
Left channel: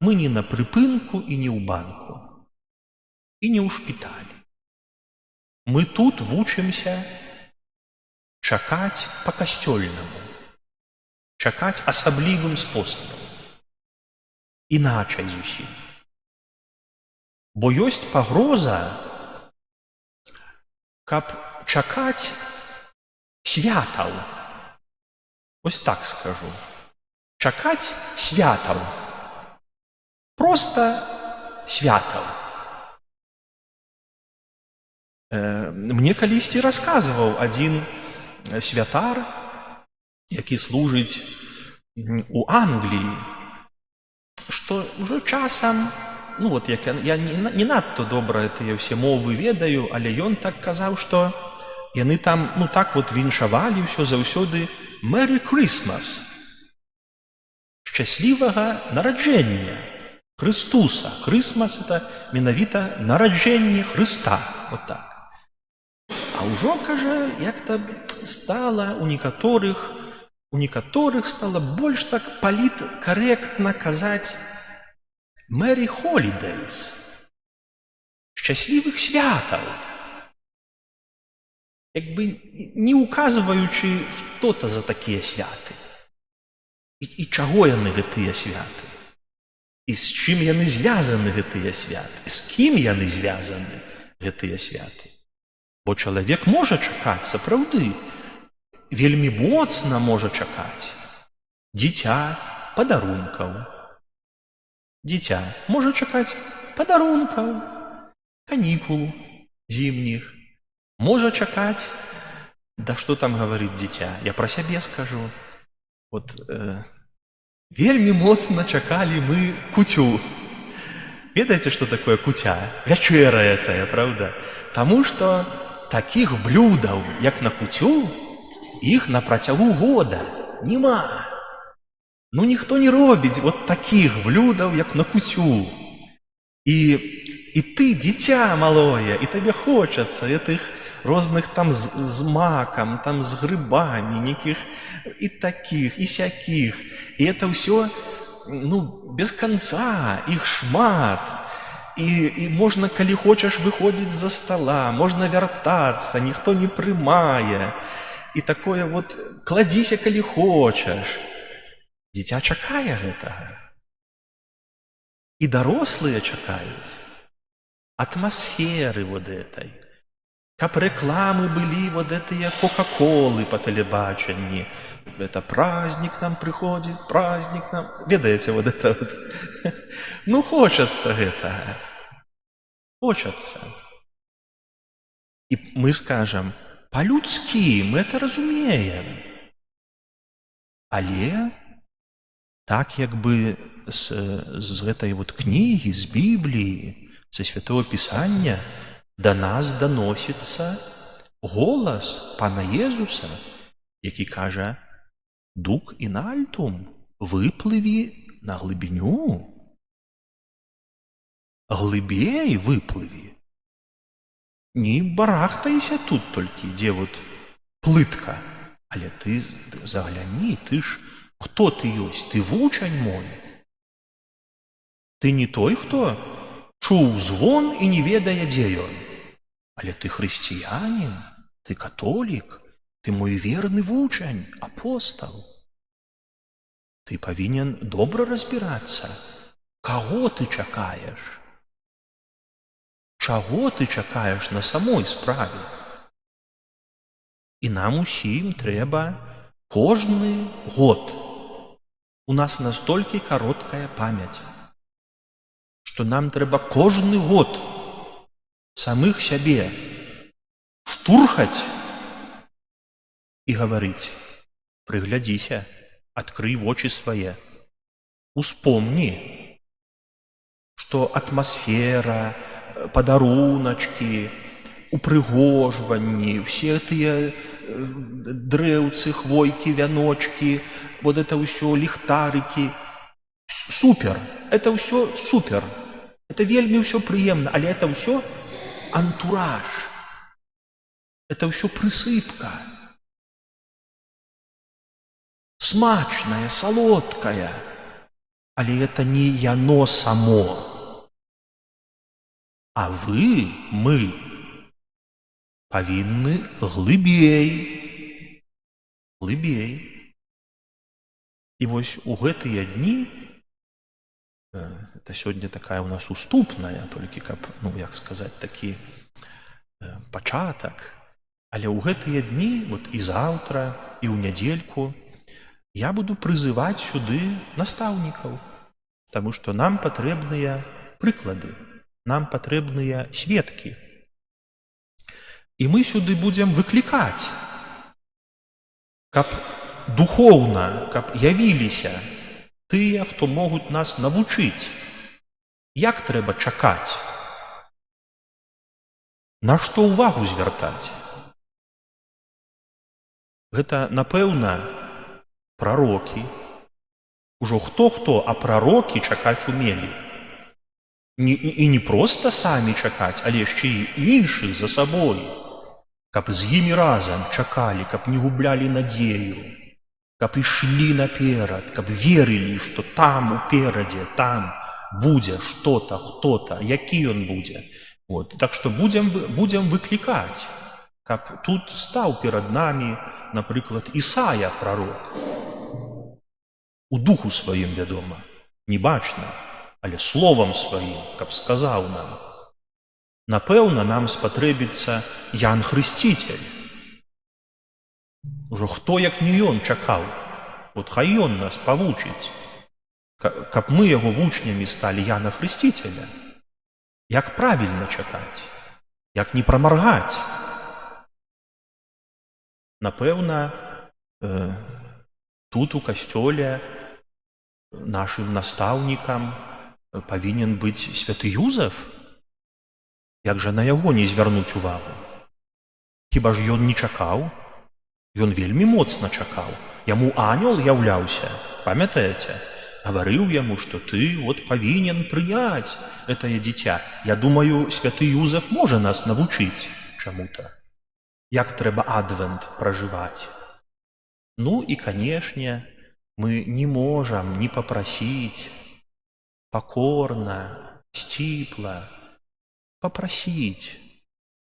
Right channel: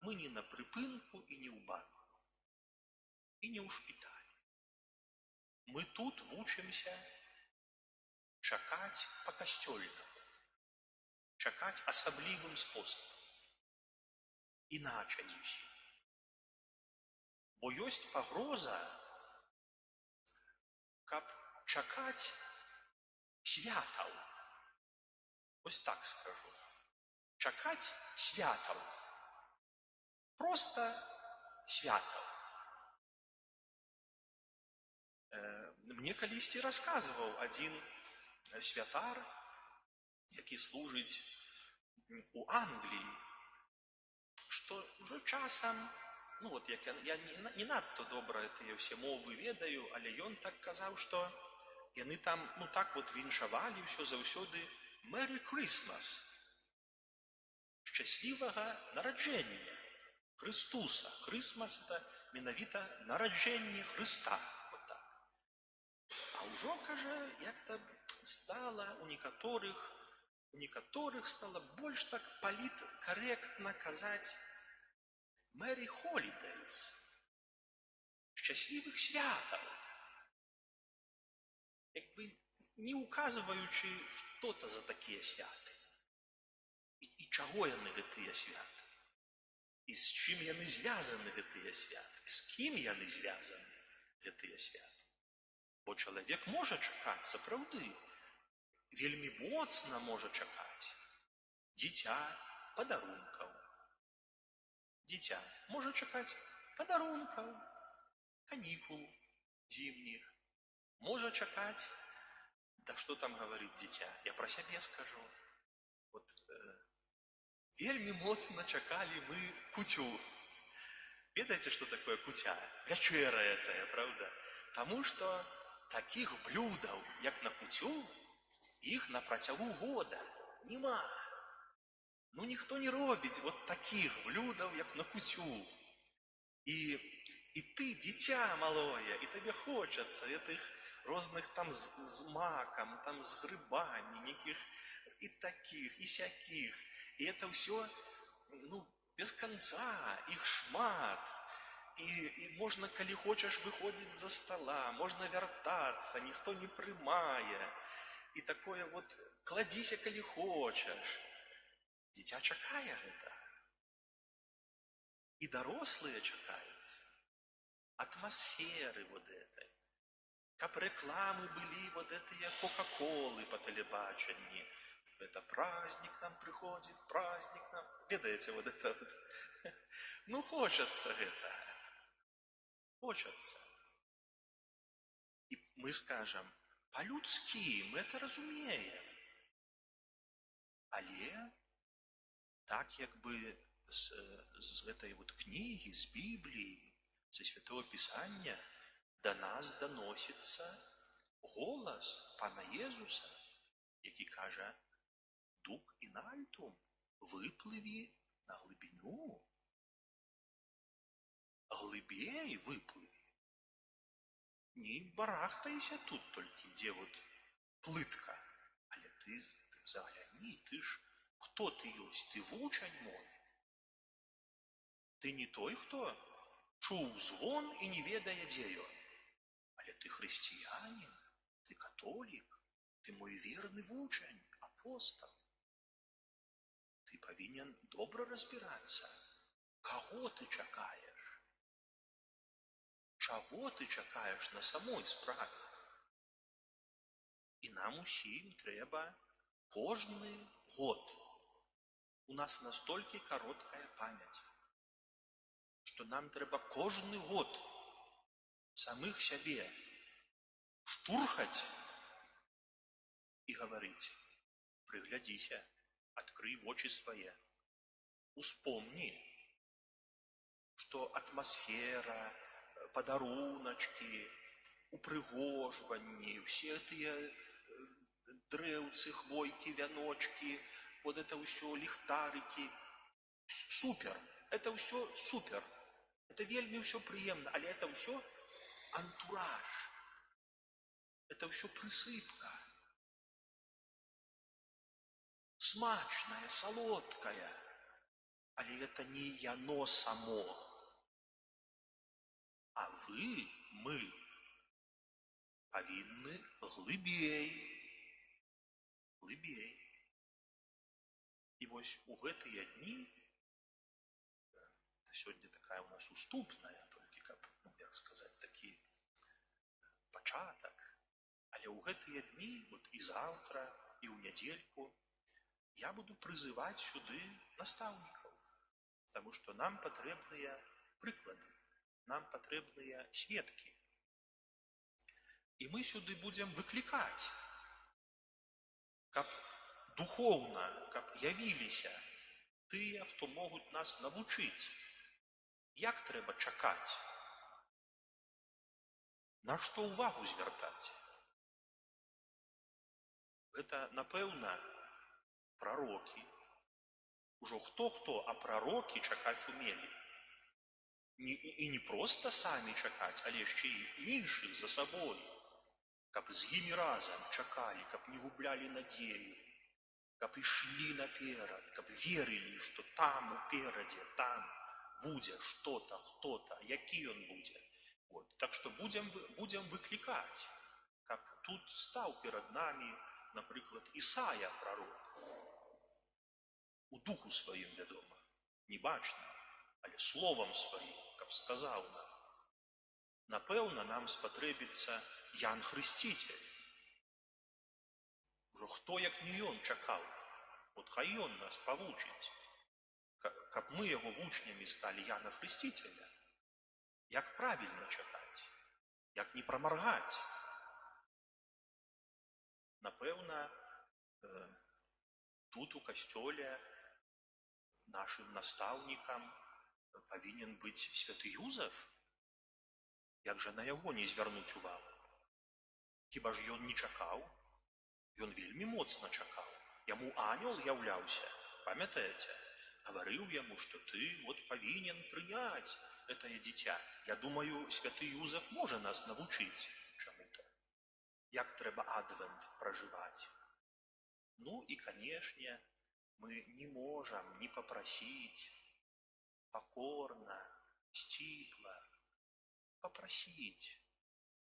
Мы не на прыпынку і не ў банку. І не ў шпіталі. Мы тут вучымся чакаць па-касцёльнаму. Чакаць асаблівым спосабам. Іначай зусім. Бо ёсць пагроза, каб чакаць святаў. Ось так скажу. Чакаць святаў. Проста святаў. Мне калісьці расказваў адзін святар, які служыць у Англіі, што ўжо часам, ну вот як я не надта добра тыя ўсе мовы ведаю, але ён так казаў, што яны там, ну так вот віншавалі ўсё заўсёды «Merry Christmas», шчаслівага нараджэння Хрыстуса. Christmas — это менавіта нараджэнне Хрыста, вот так. А ўжо, кажа, як-то стала у некаторых стала больш так паліткарэктна казаць «Merry Holidays», шчаслівых святаў, як бы не указваючы, што то за такія святы і чаго яны гэтыя святы, і з чым яны звязаны гэтыя святы, з кім яны звязаны гэтыя святы. Бо чалавек можа чакаць, сапраўды, вельмі моцна можа чакаць дзіця падарункаў. Дзіця можа чакаць падарункаў, канікул зімніх. Можа чакаць, да што там гаварыць дзіця, я пра сябе скажу. Вот вельмі моцна чакалі мы куцю. Ведаеце, што такое куця? Вячэра этая, правда? Таму што такіх блюдаў, як на куцю, іх на працягу года нема. Ну, ніхто не робіць вот такіх блюдаў, як на куцю. І ты, дзіця малое, і табе хочацца гэтых розных там з макам, там з грыбамі, нейкіх і такіх, і сякіх. І это ўсё, ну, без канца, іх шмат. І можна, калі хочаш, выходзіць з-за стала, можна вяртацца, ніхто не прымае. І такое вот, кладзіся, калі хочаш. Дзіця чакае гэтага. І дарослыя чакаюць атмасферы вот этой. Каб рэкламы былі вот этыя кока-колы па тэлебачанні. Это праздник нам прыходзіць, праздник нам... Ведаеце, вот это вот. Ну, хочацца гэтага. Хочацца. І мы скажам, па-людскі, мы это разумеем. Але так, як бы з гэтай вот кнігі, з Бібліі, са Святого Пісання, да нас даносіцца голас Пана Езуса, які кажа: «Дук ін альтум, выплыві на глыбіню, глыбей выплыві, не барахтайся тут толькі, дзе вот плытка, але ты загляні, ты ж хто ты ёсць, ты вучань мой, ты не той, хто чуў звон і не ведае, дзе ён, але ты хрысціянін, ты католік, ты мой верны вучань, апостал. Ты павінен добра разбірацца, каго ты чакаеш, чаго ты чакаеш на самой справе. І нам усім трэба кожны год. У нас настолькі кароткая памяць, што нам трэба кожны год самых сябе штурхаць і гаварыць: прыглядзіся, адкрый вочы свае, успомні, што атмасфера, падаруначкі, упрыгожванні, усе тыя дрэўцы, хвойкі, вяночкі, вот это ўсё, ліхтарыкі, супер, это ўсё супер, это вельмі ўсё прыемна, але это ўсё антураж, это ўсё прысыпка, смачная, салодкая, але это не яно само. А вы, мы павінны глыбей. І вось у гэтыя дні, это сёння такая у нас уступная, толькі каб, як сказаць, такі пачатак, але ў гэтыя дні, вот і заўтра, і ў нядзельку, я буду прызываць сюды настаўнікаў, таму што нам патрэбныя прыклады, нам патрэбныя сведкі. І мы сюды будзем выклікаць, каб духоўна, каб явіліся тыя, хто могуць нас навучыць, як трэба чакаць, на што ўвагу звяртаць. Гэта, напэўна, прарокі. Ужо хто-хто, а прарокі чакаць умелі. І не проста самі чакаць, але яшчэ і іншых за сабой, каб з імі разам чакалі, каб не гублялі надзею, каб ішлі наперад, каб верылі, што там уперадзе, там будзе што-то, хто-то, які ён будзе. Вот. Так што будзем выклікаць, каб тут стаў перад намі, напрыклад, Ісая прарок. У духу сваім, вядома, не бачна, але словам сваім, каб сказаў нам. Напэўна, нам спатрэбіцца Ян Хрысціцель. Ужо хто, як не ён, чакаў. От хай ён нас павучыць, каб мы яго вучнямі сталі Яна Хрысціцеля. Як правільна чакаць, як не прамаргаць. Напэўна, тут у касцёле нашым настаўнікам павінен быць святы Юзеф. Як жа на яго не звярнуць увагу? Хіба ж ён не чакаў? Ён вельмі моцна чакаў. Яму анёл яўляўся, памятаеце? Гаварыў яму, што ты вот павінен прыняць гэтае дзіця. Я думаю, святы Юзеф можа нас навучыць чаму-то. Як трэба адвент пражываць. Ну і, канешне, мы не можам не папрасіць пакорна, сціпла, папрасіць,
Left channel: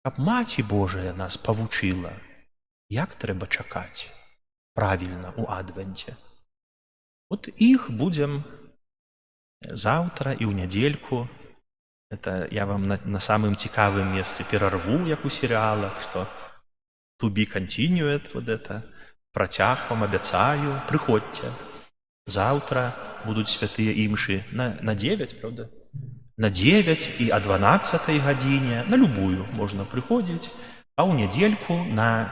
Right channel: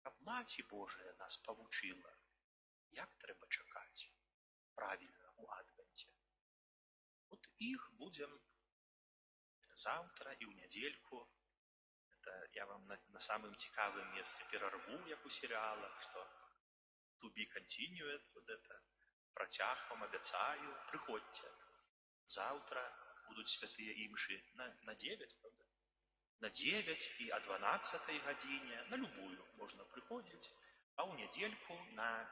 каб Маці Божая нас павучыла, як трэба чакаць правільна ў адвенце. От іх будзем заўтра і ў нядзельку. Это я вам на самым цікавым месцы перарву, як у серыалах, што to be continued, вот это, працяг вам абяцаю, прыходзьце. Заўтра будуць святыя імшы на 9, правда? На 9 і о 12 гадзіне, на любую можна прыходзіць, а ў нядзельку на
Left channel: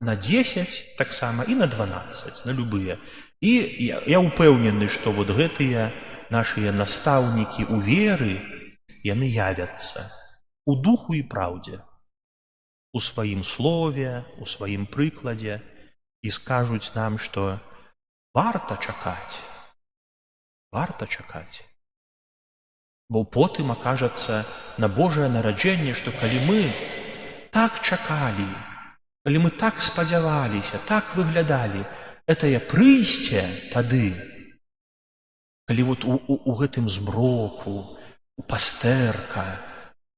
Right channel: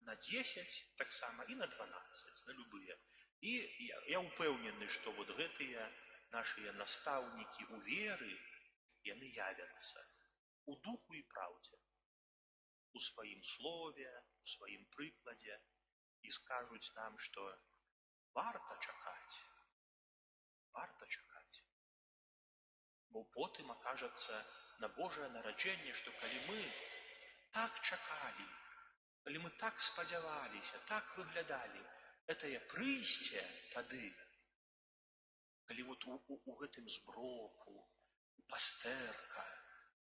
10 таксама і на 12, на любыя. І я ўпэўнены, што вот гэтыя нашыя настаўнікі ў веры, яны явяцца. у духу і праўдзе, у сваім слове, у сваім прыкладзе, і скажуць нам, што варта чакаць. Бо потым акажацца на Божае нараджэнне, што калі мы так чакалі, калі мы так спадзяваліся, так выглядалі, гэтае прыйсце тады, калі вот у гэтым змроку, у пастэрка,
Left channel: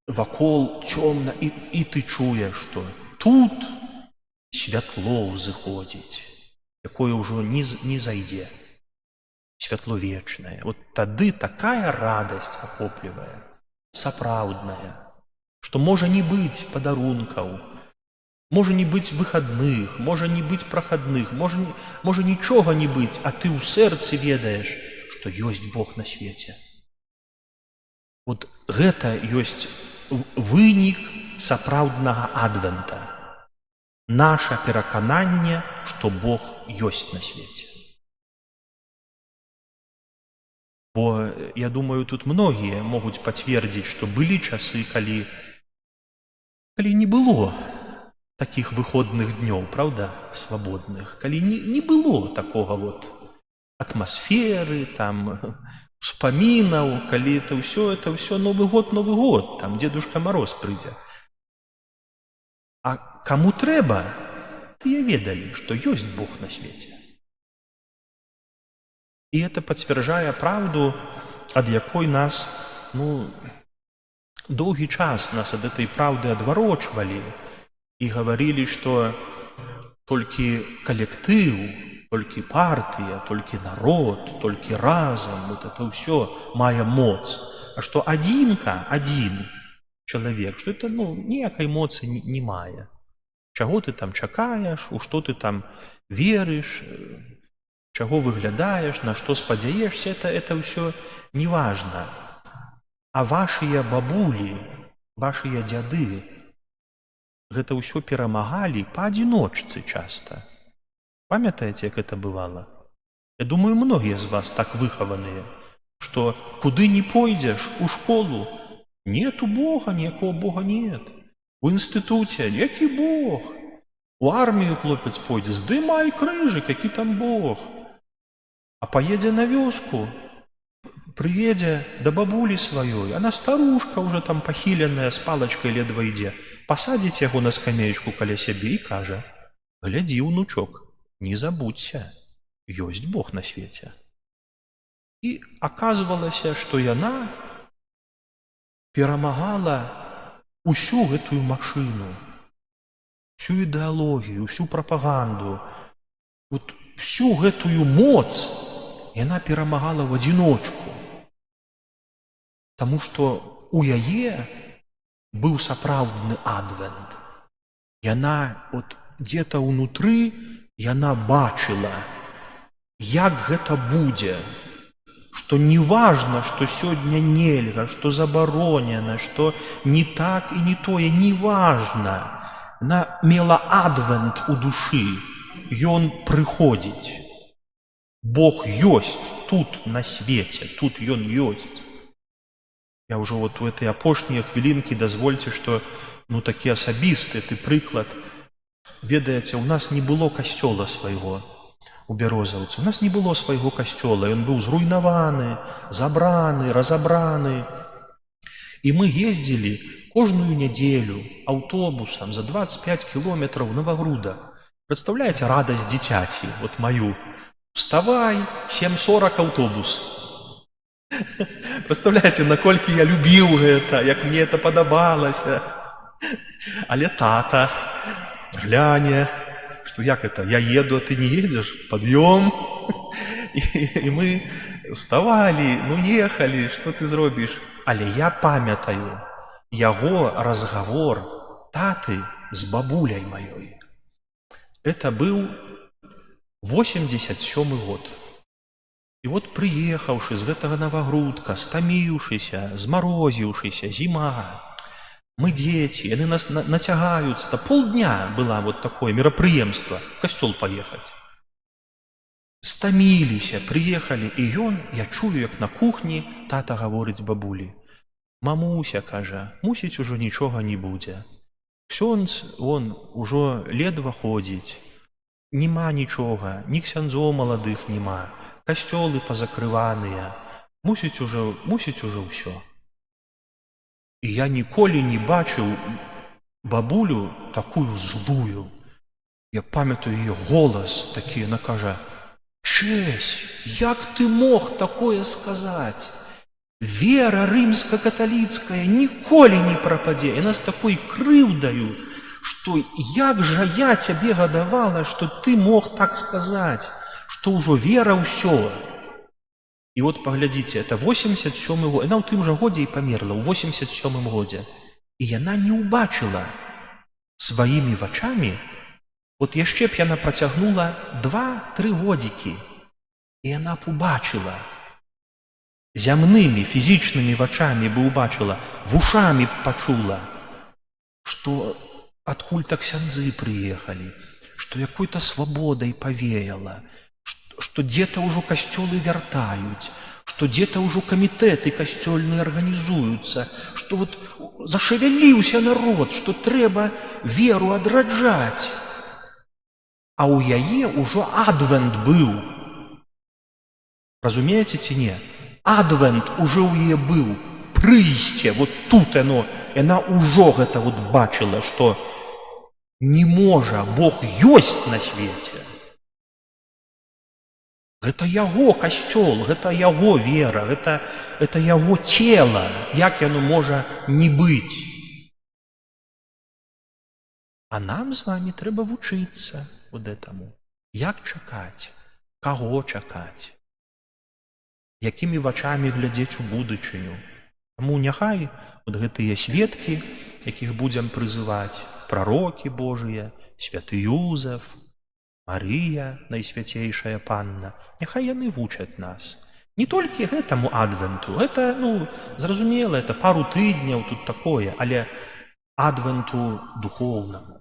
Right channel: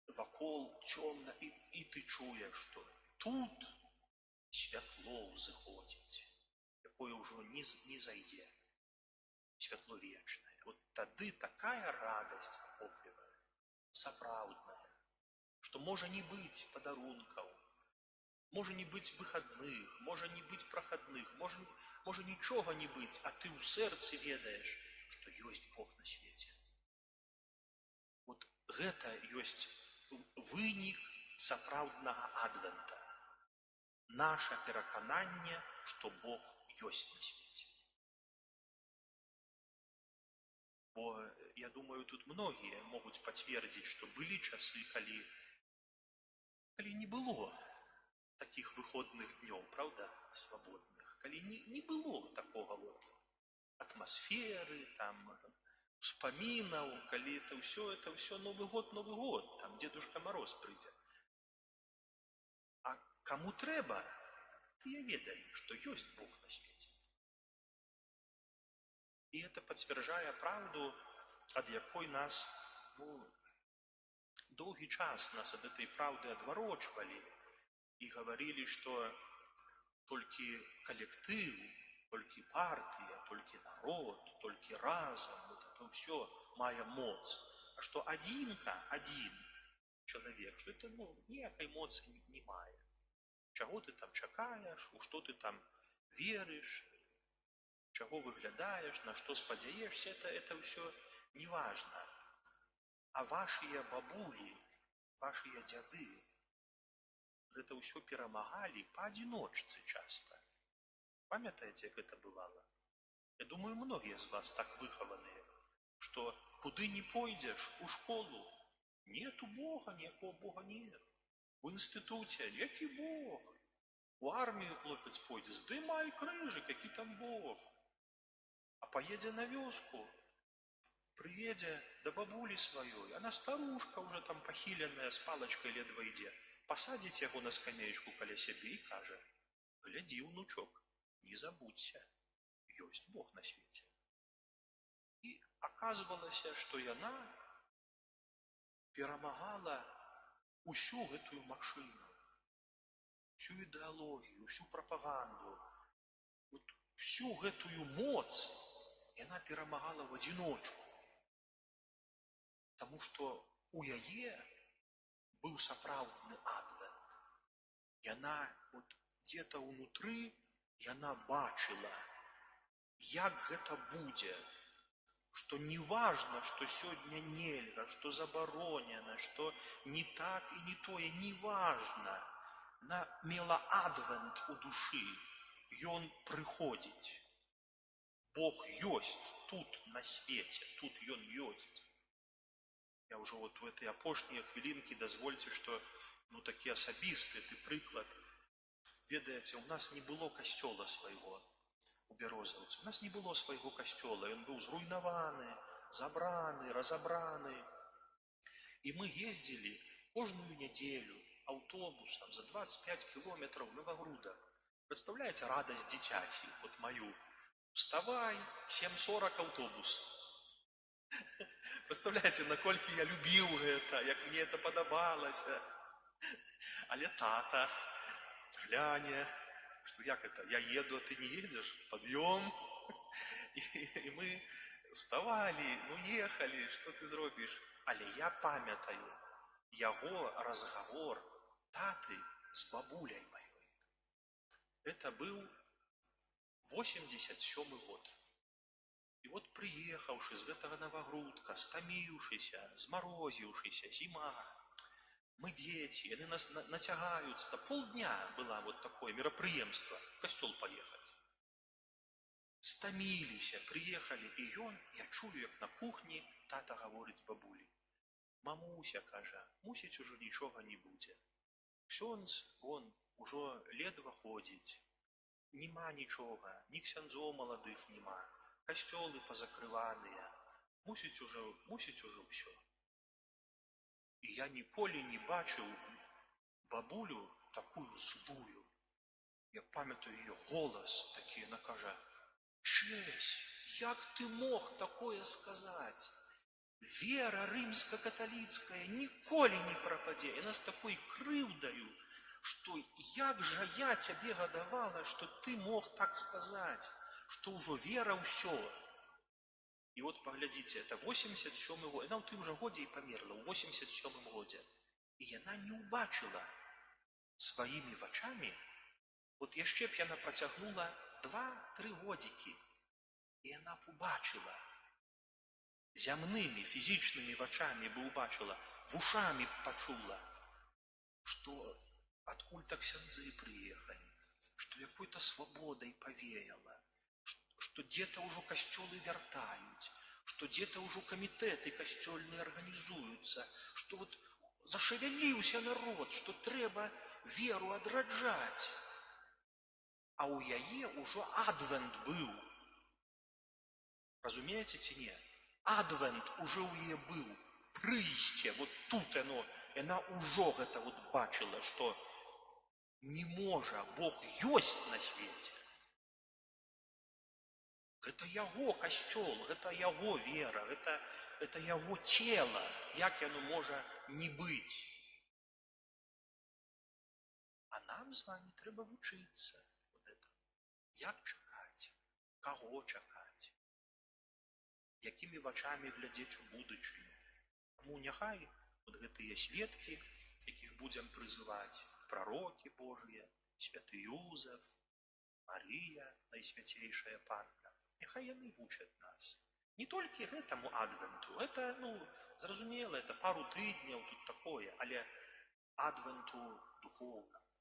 вакол цёмна, і ты чуеш, што тут святло ўзыходзіць, якое ўжо не зайдзе, святло вечнае. Вот тады такая радасць ахоплівае, сапраўдная, што можа не быць падарункаў, можа не быць выхадных, можа не быць прахадных, можа нічога не быць, а ты ў сэрцы ведаеш, што ёсць Бог на свеце. Вот гэта ёсць вынік сапраўднага адвента. Наша перакананне, што Бог ёсць на свеце. Бо, я думаю, тут многія могуць пацвердзіць, што былі часы, калі не было такіх выходных днёў, правда, свабодных, калі не было такога вот атмасферы, там, успамінаў, калі это ўсё Новы год, там Дзедушка Мароз прыйдзе. А каму трэба, тыя ведалі, што ёсць Бог на свеце. І это пацвярджае праўду, ад якой нас, доўгі час нас ад этой праўды адварочвалі і гаварылі, што толькі калектыў, толькі партыя, толькі народ, толькі разам, вот это ўсё мае моц. А што адзін чалавек, што это, ніякай моцы не мае. Чаго ты там чакаеш, у што ты там верыш, чаго выглядаеш, на што спадзяешся, это ўсё неважна. А вашыя бабулі, вашыя дзяды, гэта ўсё перамагалі паадзіночцы часта. Памятаеце, як это бывала? Я думаю, многія з вас так выхаваныя, што куды не пойдзеш, у школу, нету Бога, ніякого Бога нет. У інстытуце, які Бог? У армію хлопец пойдзе, здымай крыжык, які там Бог. А поедзе на вёску, прыедзе да бабулі сваёй, она старушка уже там пахіленая, з палачкай ледва ідзе, пасадзіць яго на скамеечку каля сябе і кажа: глядзі, унучок, не забудься, ёсць Бог на свеце. І аказвалася, што яна перамагала усю гэтую машыну, всю ідэалогію, всю прапаганду, вот всю гэтую моц яна перамагала ў адзіночку. Таму што у яе быў сапраўдны адвент. Яна от дзе-то ўнутры, яна бачыла, як гэта будзе, што не важна, што сёння нельга, што забаронена, што не так і не тое, не важна. Яна мела адвент у душы, ён прыходзіць. Бог ёсць тут на свеце, тут ён ёсць. Я ўжо вот у этой апошнія хвілінкі дазвольце, што такі асабісты прыклад. Ведаеце, у нас не было касцёла свайго у Бярозаўцы. У нас не было свайго касцёла, ён быў зруйнаваны, забраны, разабраны. І мы ездзілі кожную нядзелю аўтобусам за 25 кілометраў Новагрудак. Прадстаўляеце радасць дзіцяці, вот маю. Вставай, 7:40 аўтобус. Прадстаўляеце, наколькі я любіў гэта, як мне это падабалася. Але тата гляне, што як это, я еду, а ты не едзеш? Пад'ём. І мы вставалі, ехалі, што ты зробіш? Але я памятаю яго разгавор таты з бабуляй маёй. Это быў 87 год. І вот прыехаўшы з гэтага Новагрудка, стаміўшыся, змарозіўшыся, зіма, мы дзеці, яны нас нацягаюцца. Полдня была вот такое мерапрыемства, в касцёл паехаць. Стаміліся, прыехалі, і ён, я чую, як на кухні тата гаворыць бабулі: Мамуся, кажа, мусіць ужо нічога не будзе. Ксёндз, вон, ужо ледва ходзіць. Нема нічога, ні ксяндзоў маладых нема, касцёлы пазакрываныя. Мусіць ужо ўсё. І я ніколі не бачыў бабулю такую злую. Я памятаю яе голас такі, яна кажа: «Чэсь, як ты мог такое сказаць? Вера рымска-каталіцкая ніколі не прападзе». Яна з такой крыўдаю, што як жа я цябе гадавала, што ты мог так сказаць, што ўжо вера ўсё. І от паглядзіце, это 87-й год, яна ў тым жа годзе і памерла, ў 87-м годзе. І яна не ўбачыла сваімі вачамі, от яшчэ б яна працягнула 2-3 годзікі, і яна б убачыла, зямнымі, фізічнымі вачамі бы убачыла, вушамі б пачула, што адкуль так ксяндзы прыехалі, што якой-то свабодай павеяла, што дзе-то ўжо касцёлы вяртаюць, што дзе-то ўжо камітэты касцёльныя арганізуюцца, што вот зашавяліўся народ, што трэба веру адраджаць. А ў яе ўжо адвент быў. Разумееце ці не? Адвент ужо ў яе быў. Прыйсце, вот тут яна ўжо гэта вот бачыла, што не можа, Бог ёсць на свеце. Гэта яго касцёл, гэта яго вера, гэта яго цела, як яно можа не быць. А нам з вами трэба вучыцца вот этаму. Як чакаць? Каго чакаць? Якімі вачамі глядзець у будучыню? Таму няхай вот гэтыя сведкі, якіх будзем прызываць, прарокі Божыя, святы Юзеф, Марыя, найсвяцейшая панна, няхай яны вучаць нас. Не толькі гэтаму адвенту, гэта, зразумела, это пару тыдняў тут такое, але адвенту духоўнаму.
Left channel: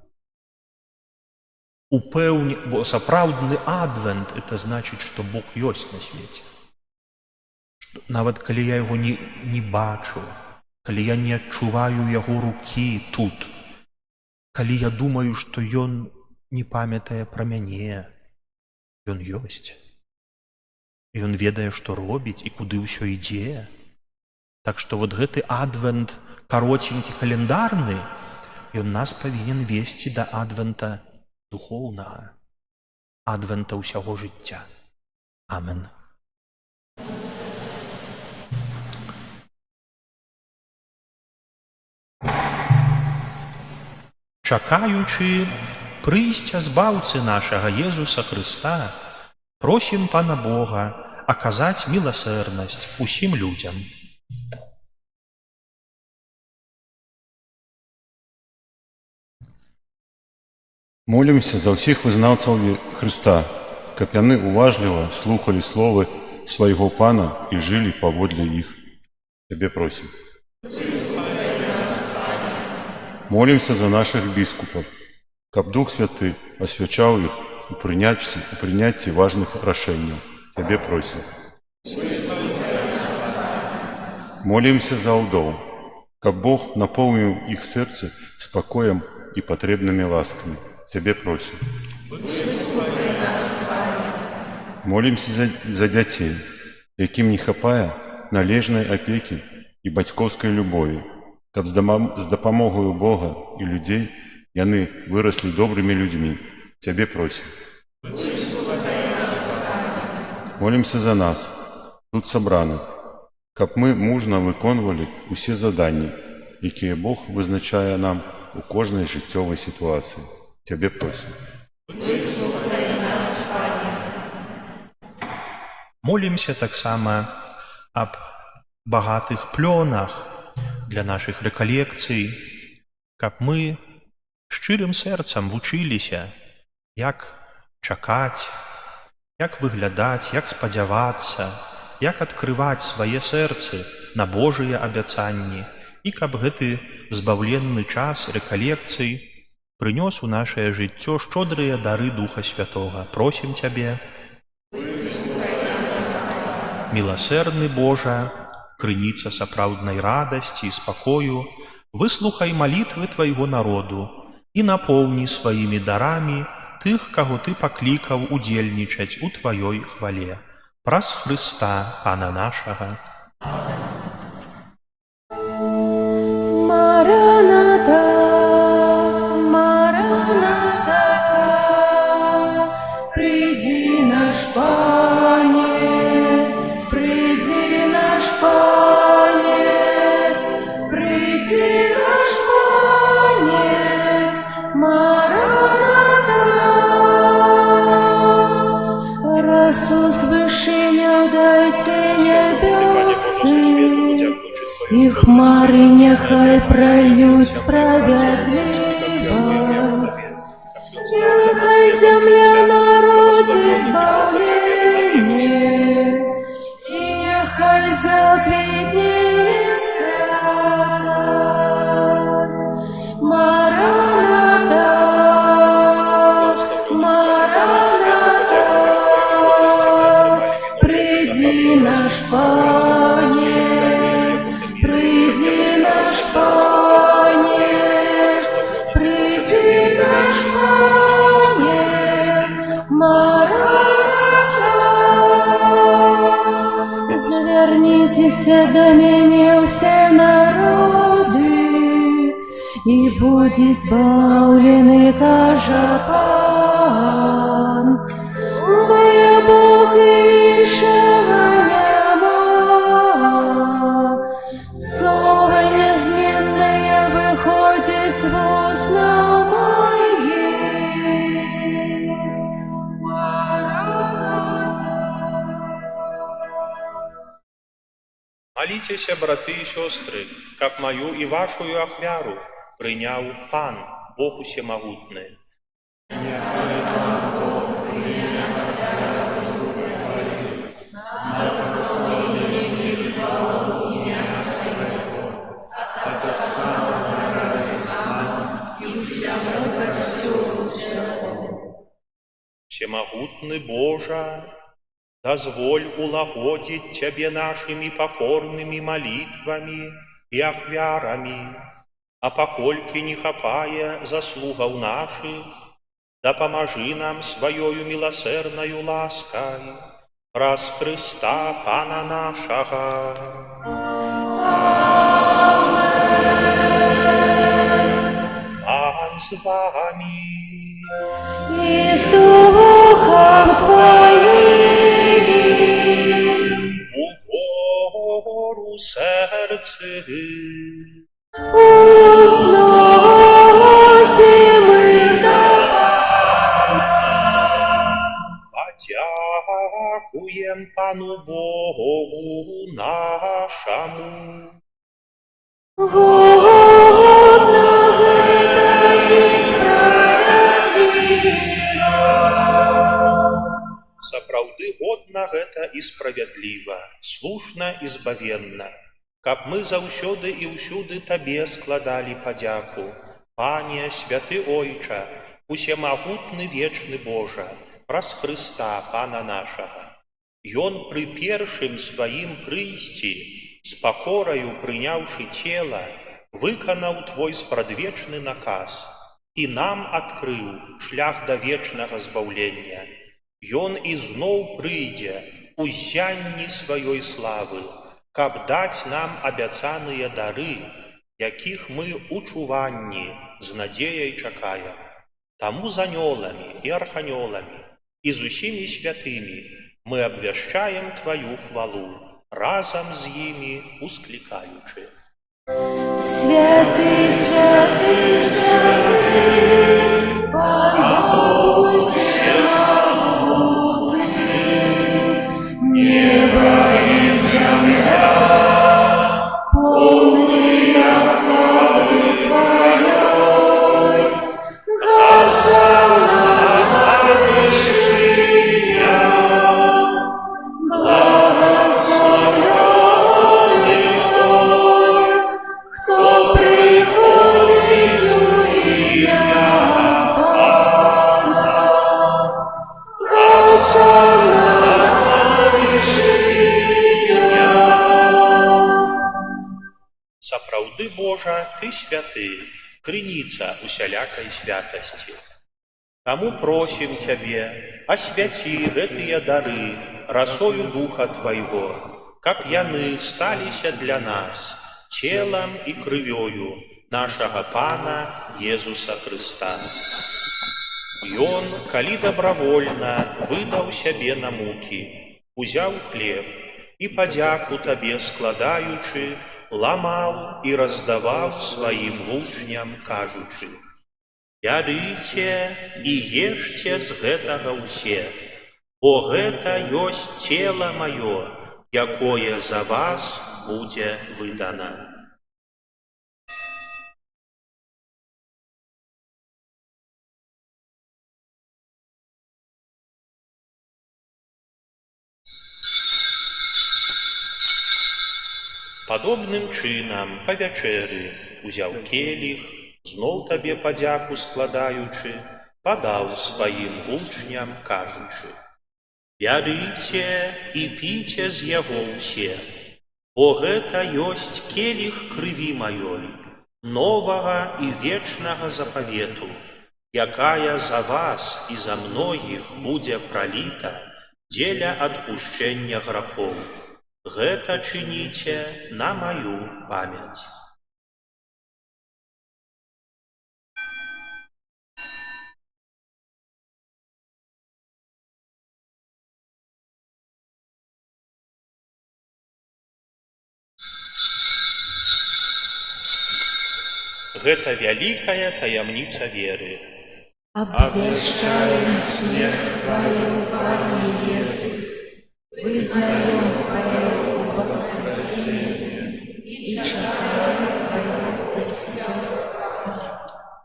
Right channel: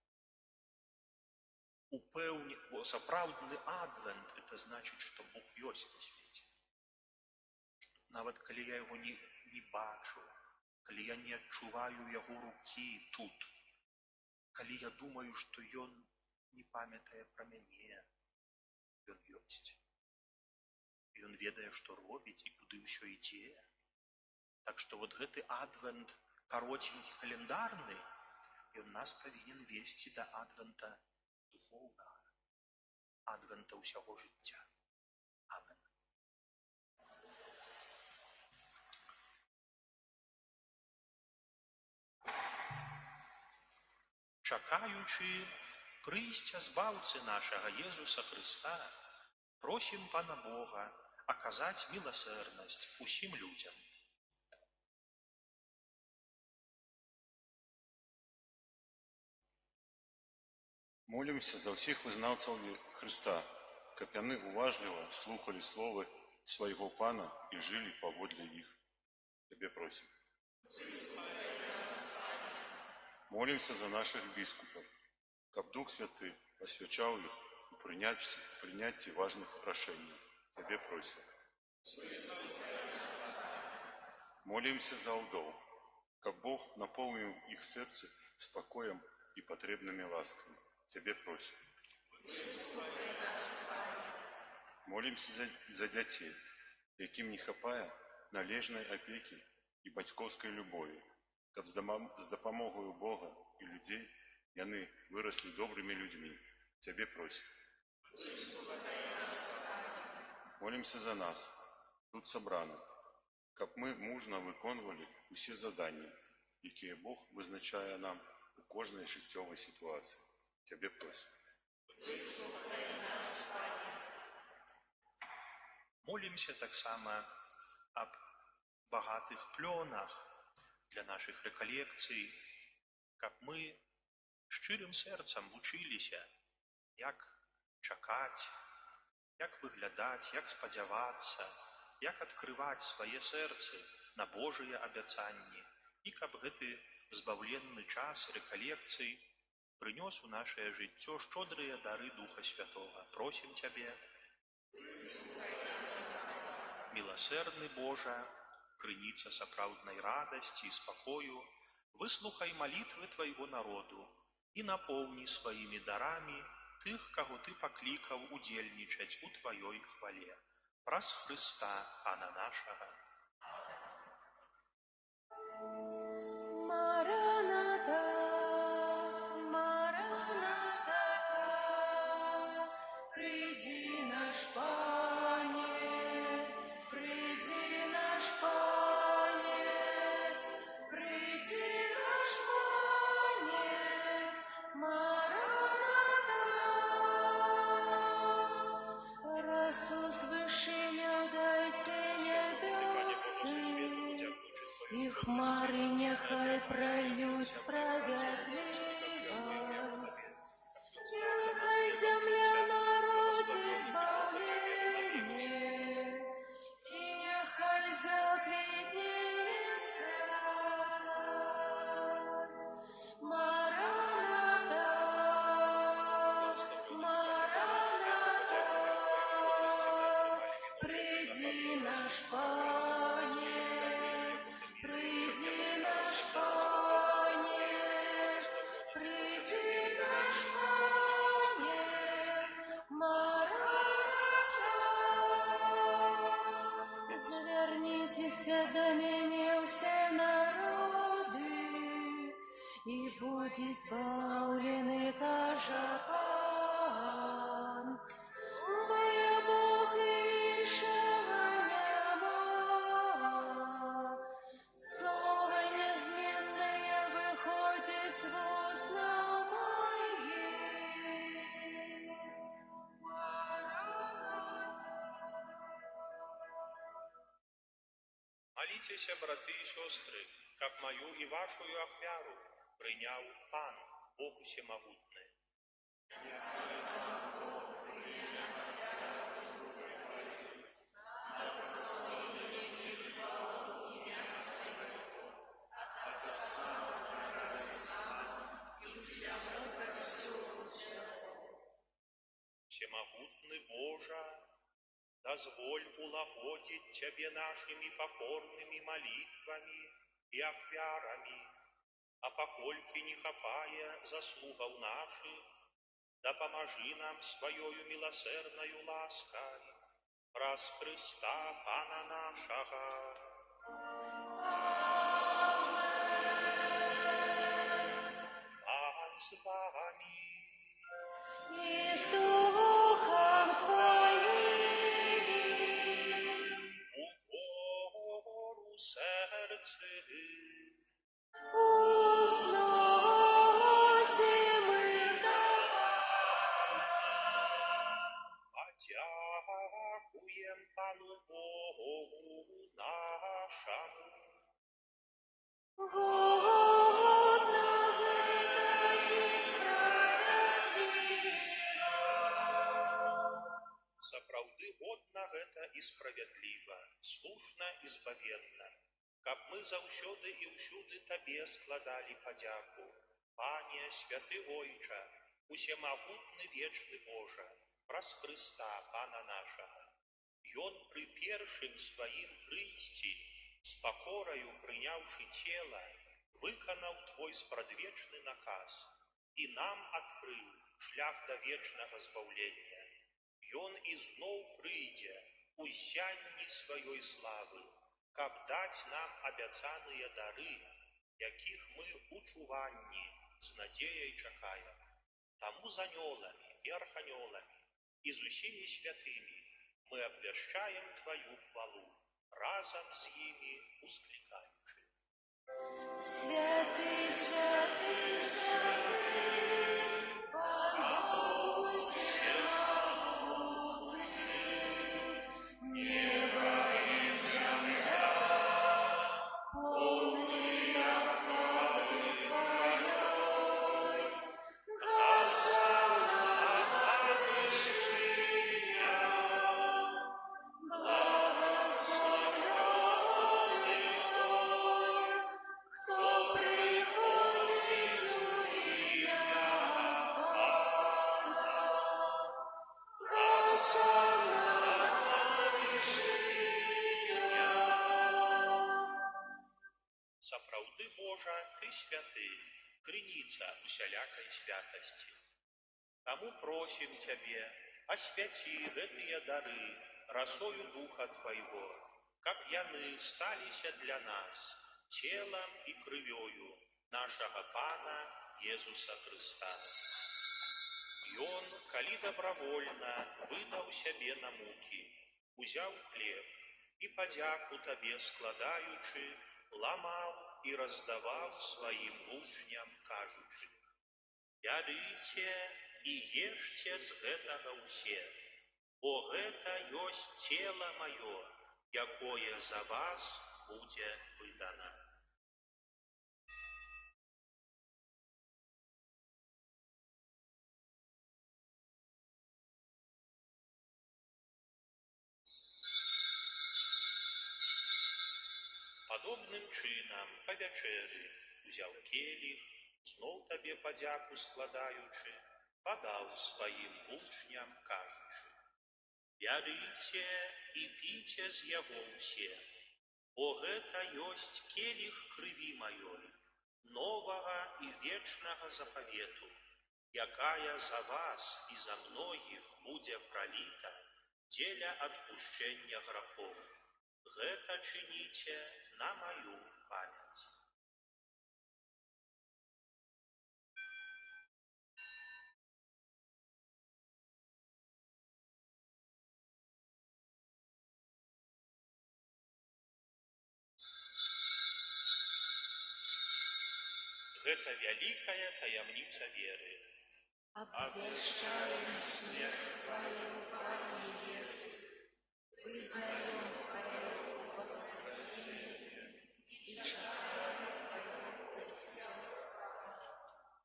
Бо сапраўдны адвент — это значыць, што Бог ёсць на свеце. Нават калі я яго не бачу, калі я не адчуваю яго рукі тут, калі я думаю, што ён не памятае пра мяне, ён ёсць. Ён ведае, што робіць і куды ўсё ідзе. Так што вот гэты адвент кароценькі календарны, ён нас павінен весці да адвента духоўнага, адвента ўсяго жыцця. Амен. Чакаючы прыйсця збаўцы нашага Езуса Хрыста, просім Пана Бога аказаць міласэрнасць усім людзям. Молімся за ўсіх вызнаўцаў Хрыста, каб яны уважліва слухалі словы свайго Пана і жылі паводле іх. Цябе просім. Молімся за нашых біскупаў, каб Дух Святы асвячаў іх у прыняцці важных рашэнняў. Цябе просім. Молімся за ўдоў, каб Бог напоўніў іх сэрцы спакоем і патрэбнымі ласкамі. Цябе просім. Молімся за дзяцей, якім не хапае належнай апекі і бацькоўскай любові, каб з дапамогаю Бога і людзей яны выраслі добрымі людзьмі. Цябе просім. Молімся за нас, тут сабраных, каб мы мужна выконвалі ўсе заданні, якія Бог вызначае нам у кожнай жыццёвай сітуацыі. Цябе просім. Молімся таксама аб багатых плёнах для нашых рэкалекцый, каб мы шчырым сэрцам вучыліся, як чакаць, як выглядаць, як спадзявацца, як адкрываць свае сэрцы на Божыя абяцанні, і каб гэты збаўленны час рэкалекцый прынёс у нашае жыццё шчодрыя дары Духа Святога. Просім Цябе. Міласэрны Божа, крыніца сапраўднай радасці і спакою, выслухай малітвы твайго народу і напоўні сваімі дарамі тых, каго ты паклікаў удзельнічаць у тваёй хвале. Праз Хрыста, Пана нашага. Мараната, Мараната, приди наш Пане, приди наш Пане, приди наш Пане, Мараната. Расу свышения дайте небесы, и хмары нехай прольют справедливость. Нехай земля народит избавление, и нехай заквітнеє святость. Мараната, Мараната, приди наш Пане, приди наш Пане, приди наш Пане, Мараната. Звернитеся до меня все народы, и будет бавленый кажа Пан, бо я Бог іншого нема. Слово неизменное выходит с уста моих. Моліцеся, браты і сёстры, каб маю і вашую ахвяру прыняў Пан, Бог усемагутны. Всемогутный Божа, дозволь улагодить Тебе нашими покорными молитвами и ахвярами, а покольки не хапая заслугов наших, да поможи нам своею милосердною лаской, праз Христа Пана нашего. Пан с вами. И с Духом Твоим Угору сердце, узносим их до подякуем Пану Богу нашему. Годно это и справедливо. Сапраўды годна гэта і справядліва, слушна і збавенна, каб мы заўсёды і ўсюды Табе складалі падзяку. Пане, святы Ойча, усемагутны вечны Божа, праз Хрыста Пана нашага. Ён пры першым сваім прыйсці, з пакораю прыняўшы цела, выканаў Твой спрадвечны наказ і нам адкрыў шлях да вечнага збаўлення. Ён ізноў прыйдзе у ззянні сваёй славы, каб даць нам абяцаныя дары, якіх мы у чуванні з надзеяй чакаем. Таму з анёламі і арханёламі і з усімі святымі мы абвяшчаем Тваю хвалу, разам з імі усклікаючы. Святый, святый, святый, Пан Бог всемогутный, небо и земля, полные хвалы Твоей, госанна на вершине, благословенный Кто приходит у Божа, Ты святы, крыніца усялякай святасці. Таму просім Цябе, асвяці гэтыя дары расою Духа Твайго, каб яны сталіся для нас целам і крывёю нашага Пана Езуса Хрыста. Ён, калі добравольна выдаў сябе на мукі, узяў хлеб і падзяку Табе складаючы, ламаў і раздаваў сваім вучням, кажучы: «Бярыце і ешце з гэтага ўсе, бо гэта ёсць цела маё, якое за вас будзе выдана». Падобным чынам па вячэры узяў келіх, зноў Табе падзяку складаючы, падаў сваім вучням, кажучы: «Бярыце і піце з яго ўсе, бо гэта ёсць келіх крыві маёй, новага і вечнага запавету, якая за вас і за многіх будзе праліта дзеля адпушчэння грахоў. Гэта чыніце на маю памяць». Гэта вялікая таямніца веры. Обвещаем смерть Твою, Пане Иисус, вызнаем Твое воскресение и чекаем Твое присутствие.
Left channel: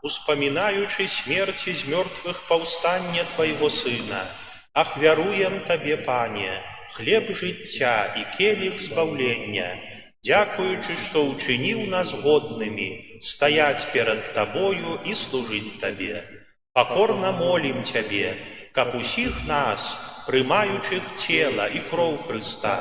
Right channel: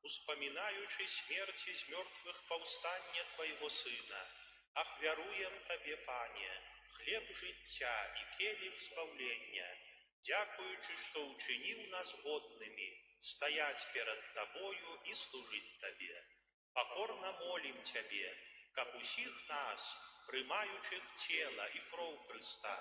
Успамінаючы смерці з мёртвых паўстання Твайго Сына, ахвяруем Табе, Пане, хлеб жыцця і келіх збаўлення, дзякуючы, што ўчыніў нас годнымі стаяць перад Табою і служыць Табе. Пакорна молім Цябе, каб усіх нас, прымаючых цела і кроў Хрыста,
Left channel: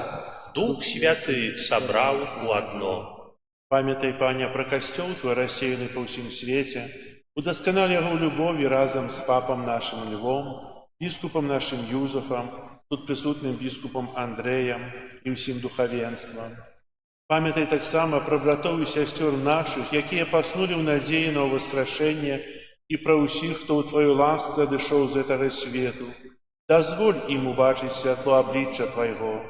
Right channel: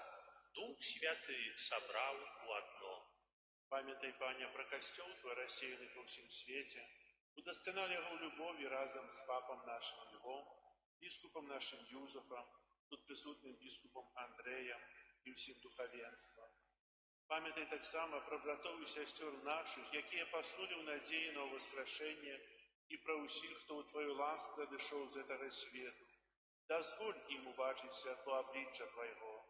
Дух Святы сабраў у адно. Памятай, Пане, пра касцёл Твой рассеяны па ўсім свеце, удасканал яго ў любові разам з папам нашым Львом, біскупам нашым Юзафам, тут прысутным біскупам Андрэем і ўсім духавенствам. Памятай таксама пра братоў і сясцёр нашых, якія паснулі ў надзеі на ўваскрашэнне, і пра ўсіх, хто ў Тваёй ласцы адышоў з гэтага свету. Дазволь ім убачыць святло аблічча Твайго.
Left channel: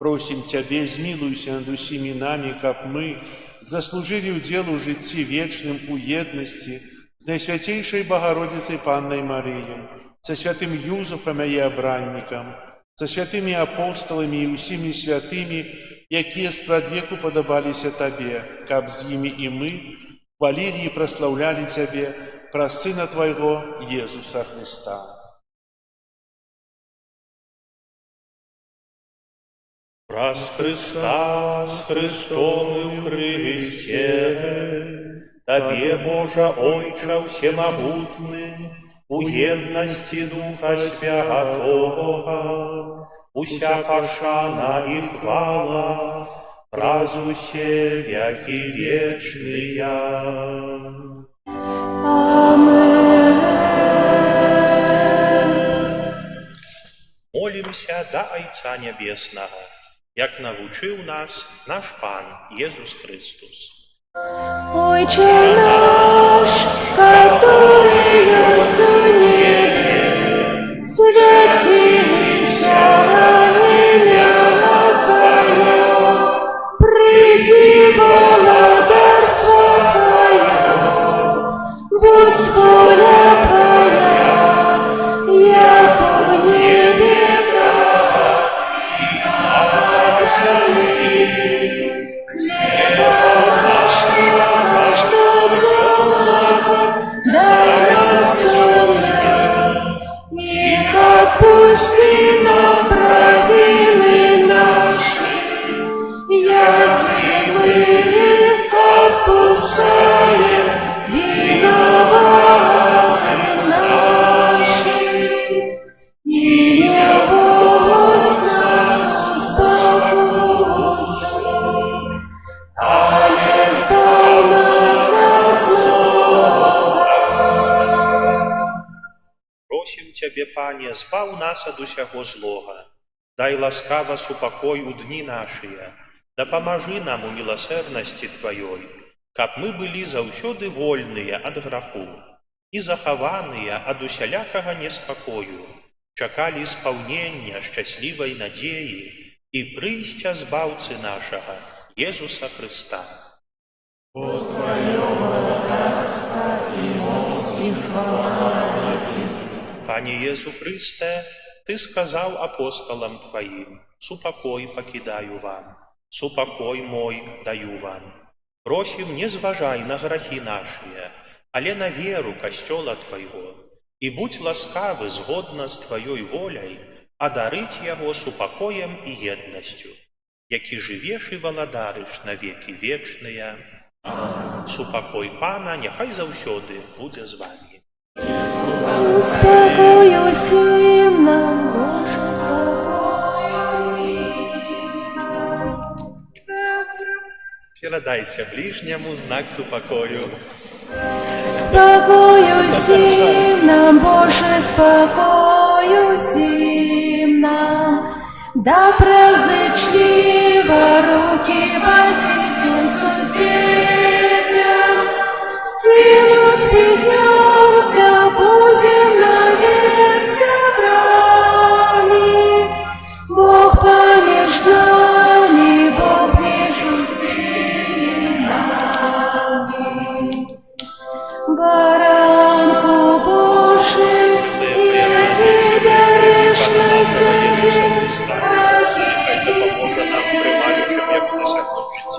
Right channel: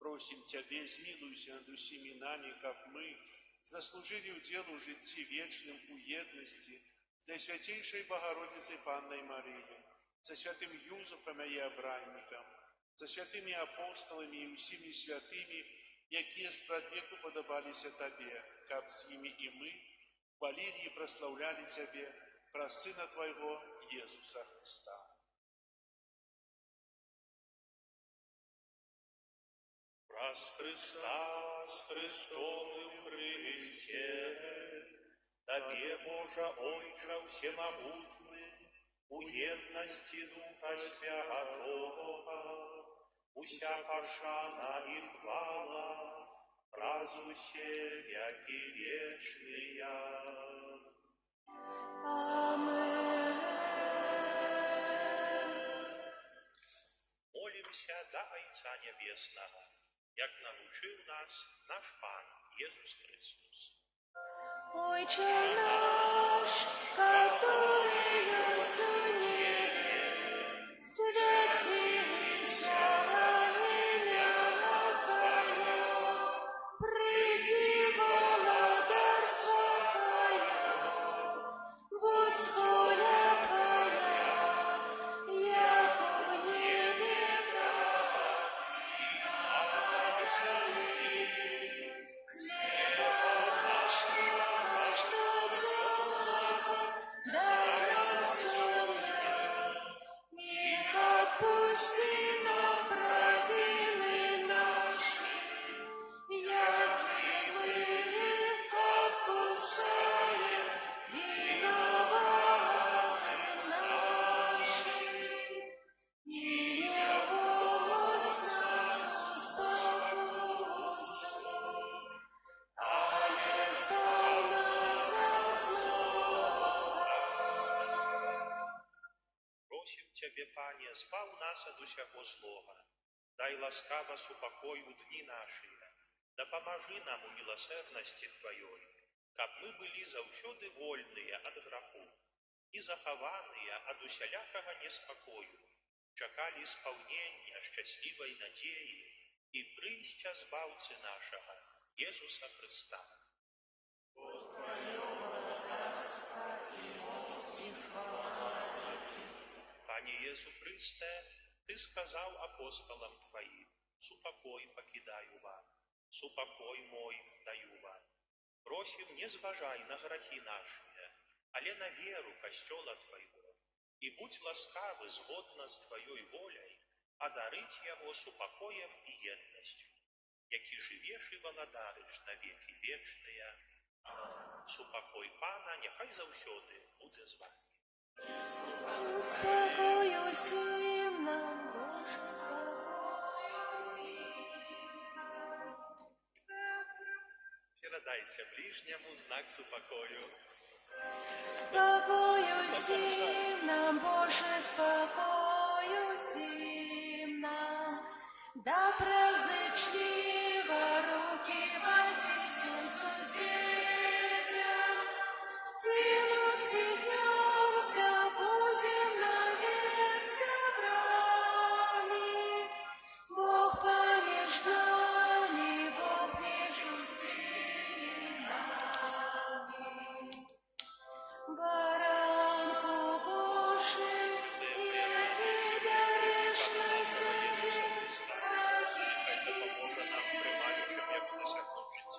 Просім Цябе, змілуйся над усімі намі, каб мы заслужылі ўдзел у жыцці вечным у еднасці з Найсвяцейшай Багародзіцай Паннай Марыяй, са святым Юзафам яе абраннікам, са святымі апосталамі і ўсімі святымі, якія спрадвеку падабаліся Табе, каб з імі і мы хвалілі і праслаўлялі Цябе праз Сына Твайго Езуса Хрыста. Праз Хрыста, з Христом і в Христе, Табе, Божа Ойча всемогутны, у єдності Духа Святого, уся пошана і хвала, раз усе веки вечные. Молимся до Айца Небесного, як навучив нас наш Пан Єсус Христос. Отче наш, который есть в небе, святися имя Твое, приди благодарство Твое, будь воля Твоя, яко в небе, и на земле. Хлеба нашего каждодневного дай просім Цябе, Пане, збаў нас ад усяго злога. Дай ласкава супакой у дні нашыя. Дапамажы нам у міласэрнасці Тваёй, каб мы былі заўсёды вольныя ад граху і захаваныя ад усялякага неспакою, чакалі спаўнення шчаслівай надзеі і прыйсця збаўцы нашага, Езуса Хрыста. Пане Езу Хрысте, Ты сказаў апосталам Тваім: «Супакой пакідаю вам, супакой мой даю вам». Просім, не зважай на грахі нашыя, але на веру касцёла Твайго, і будь ласкавы згодна з Тваёй воляй адарыць яго супакоем і еднасцю, які жывеш і валадарыш на векі вечныя. Супакой Пана няхай заўсёды будзе з вамі. Спокою всім нам, Боже, спокою всім нам. Перадайце ближняму знак супакою. Спокою всім нам, Боже, спокою всім нам. Да презычлива руки потиснем соседям, всем успехнемся, будем навек сябрами. Бог помеж нами, Бог между всеми нами. Баранку Божий, який дариш на себе,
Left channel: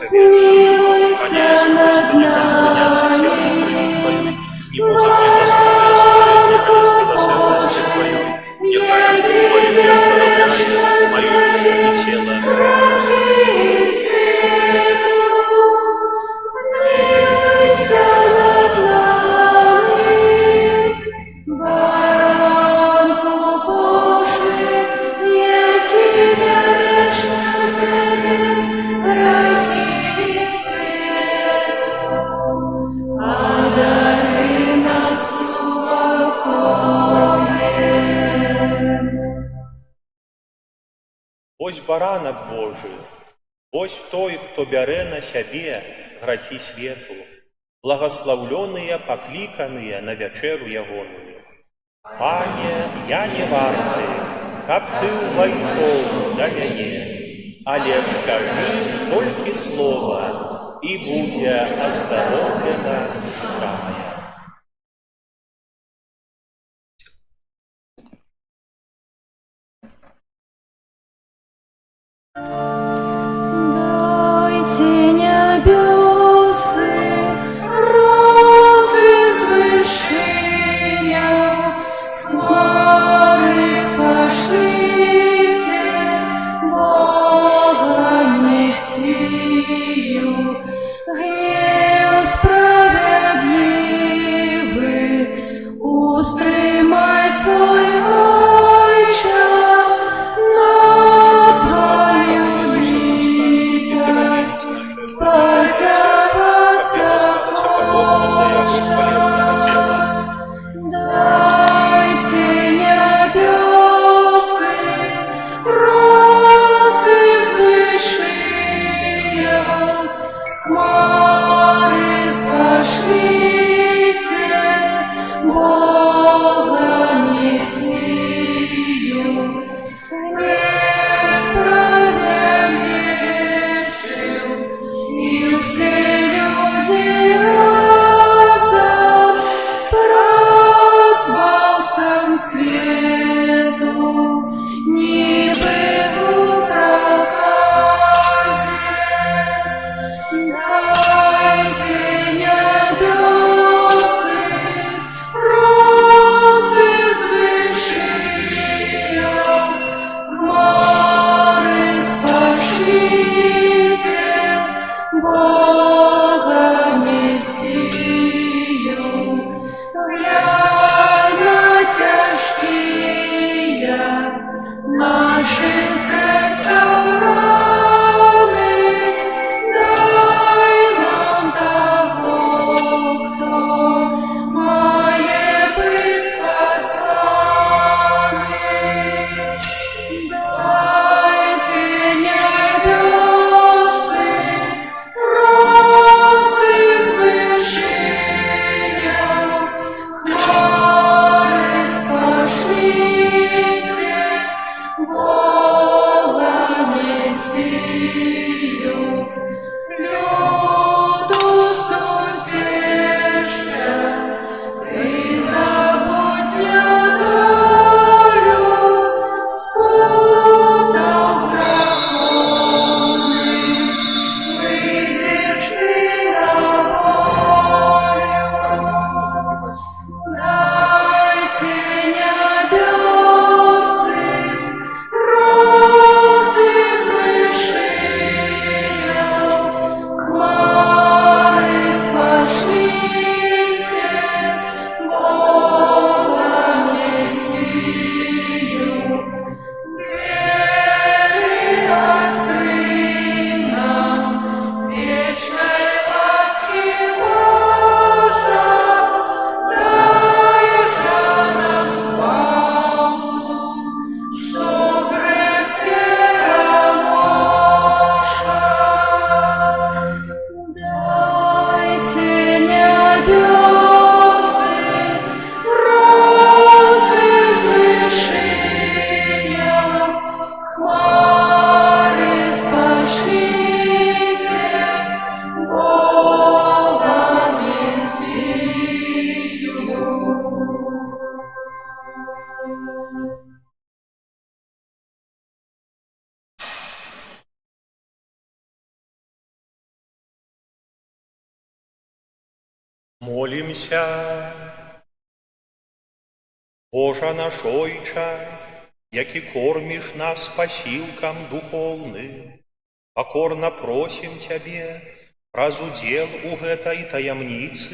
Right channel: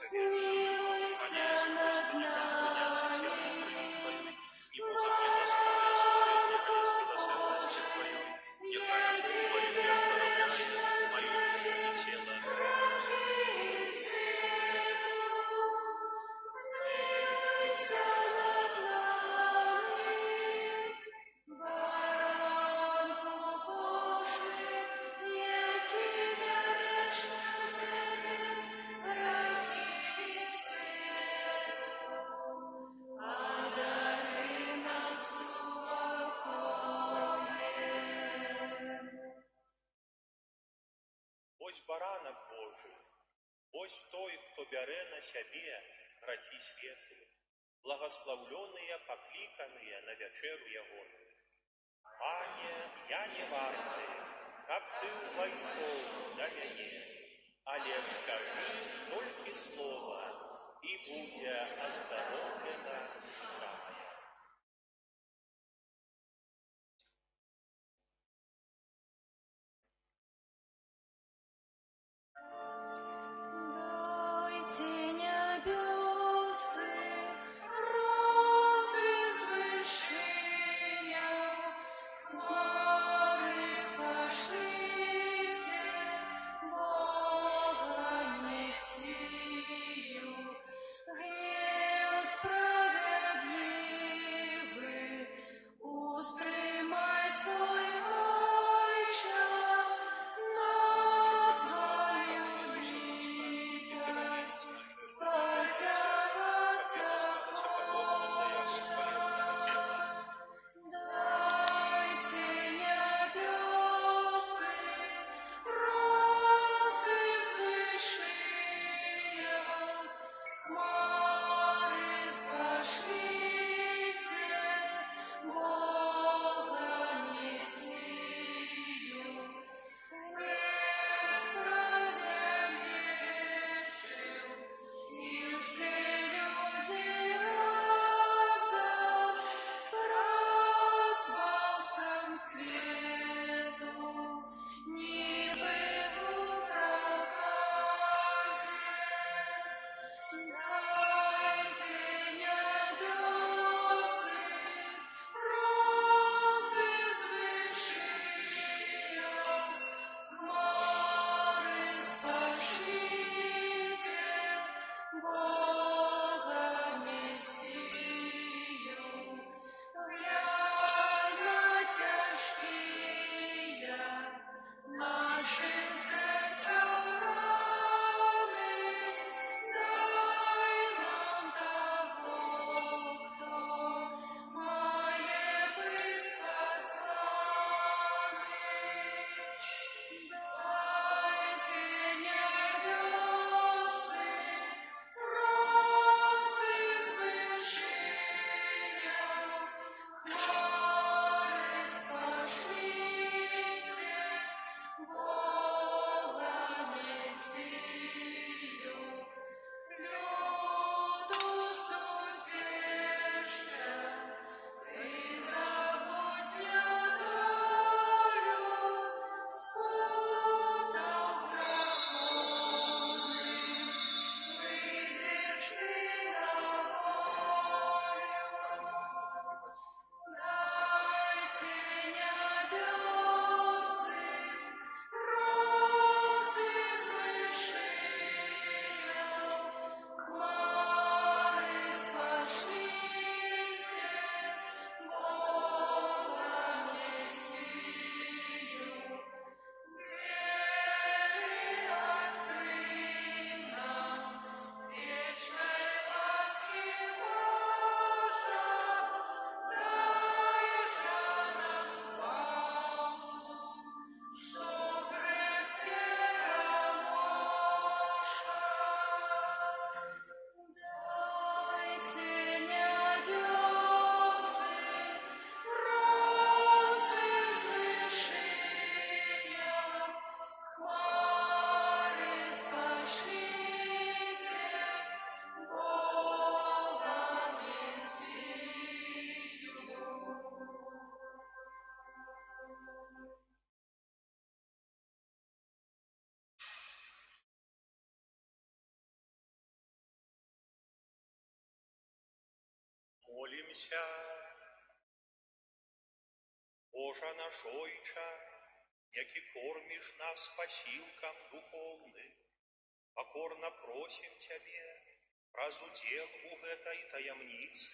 смилуйся над нами, Баранку Божий, який дариш на себе, грехи свету, смилуйся над нами, Баранку Божий, який дариш на себе, грехи свету, одари нас супокоем. Вось баранак Божы, вось той, хто бярэ на сябе грахі свету, благаслаўлёныя, пакліканыя на вячэру ягоную. Пане, я не варты, каб Ты ўвайшоў да мяне, але скажы толькі слова, і будзе аздароўлена душа моя. Дайте небесы, розы з вышиня, хмары спошлите, Бога Мессию, гнев справедливый, устремай свой Отче на Твою милость, сподобаться дайте небесы, розы з вышиня, хмары спошлите, Бога Мессию, гнев справедливый, и все люди разом пред збавцем свету, ніби у проказе. Дайте небесы, розы з вышиня, хмары спошлите, Бога Мессию, глянь на тяжкие Молімся. Божа наш Ойча, які корміш нас пасілкам духовным, покорно просім Цябе праз удзел у гэтай таямніцы,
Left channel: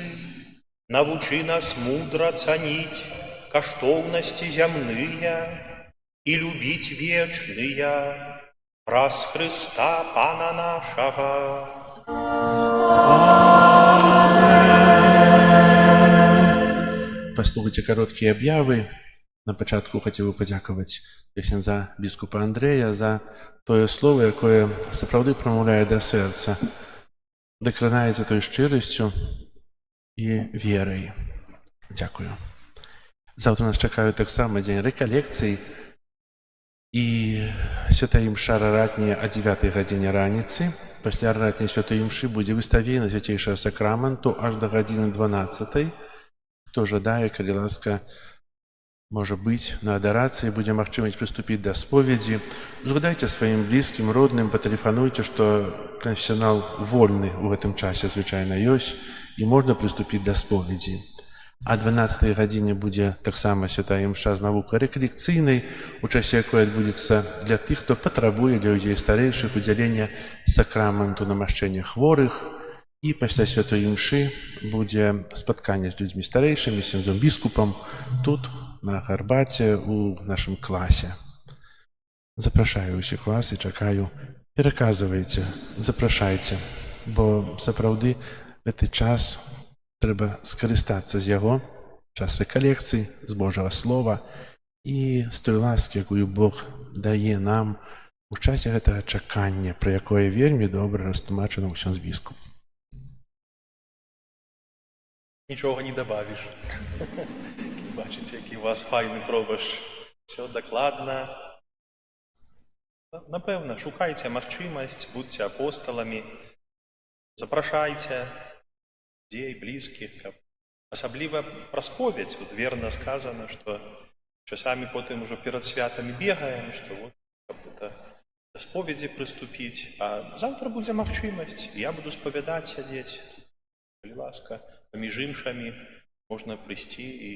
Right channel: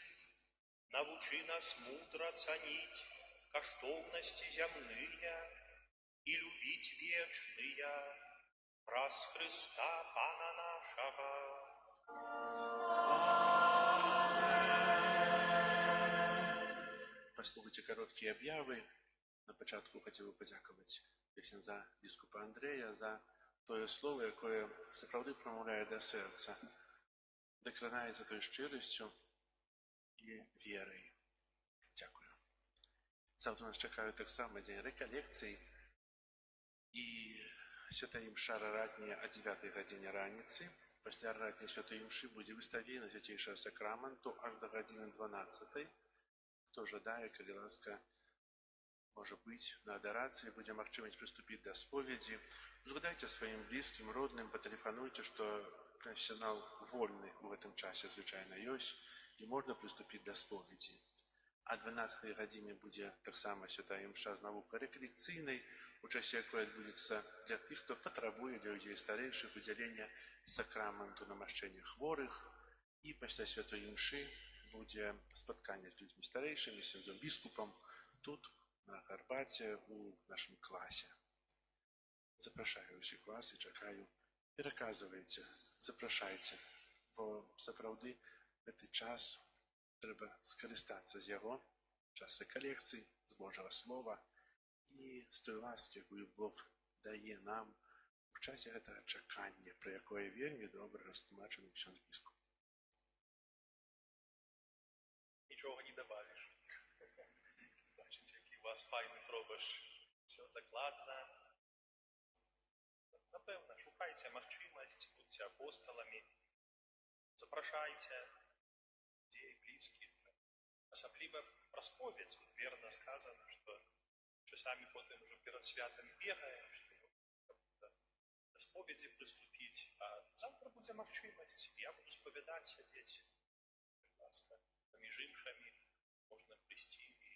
навучы нас мудра цаніць каштоўнасці зямныя і любіць вечныя праз Хрыста Пана нашага. Паслухайце кароткія аб'явы. На пачатку хацеў бы падзякаваць ксяндза біскупа Андрэя за тое слово, якое сапраўды прамаўляе да сэрца, дакранаецца той шчырасцю і верай. Дзякую. Заўтра нас чакаюць таксама дзень рэкалекцый і святая імша раратняя о 9 гадзіне раніцы. Пасля раратняй святой імшы будзе выставлена свяцейшага сакраменту аж да гадзіны 12. Хто жадае, калі ласка, можа быць, на адарацыі будзе магчымасць прыступіць да споведзі. Згадайце сваім блізкім, родным, патэлефануйце, што канфесіянал вольны ў гэтым часе звычайна ёсць і можна прыступіць да споведзі. А 12 гадзіне будзе таксама святая імша з навукай рэкалекцыйнай, у часе якой адбудзецца для тых, хто патрабуе, для людзей старэйшых удзялення сакраменту намашчэння хворых. І пасля святой імшы будзе спатканне з людзьмі старэйшымі, з ксяндзом біскупам, тут, на гарбаце, у нашым класе. Запрашаю ўсіх вас і чакаю. Пераказвайце, запрашайце, бо сапраўды гэты час трэба скарыстацца з яго, час рэкалекцый, з Божага слова і з той ласкі, якую Бог дае нам у часе гэтага чакання, пра якое вельмі добра растлумачана ў ксяндз біскуп. Нічого не добавиш. Бачите, який у вас файний пробашч. Все докладно. Напевно, шукайте магчимость, будьте апостолами, запрашайте людей, близких. Особливо про споведь. Тут верно сказано, что часами потом уже перед святами бегаем, что вот как-то до споведи приступить. А завтра будет магчимость. Я буду споведать сидеть. Коли ласка. Паміж імшамі можна прыйсці і,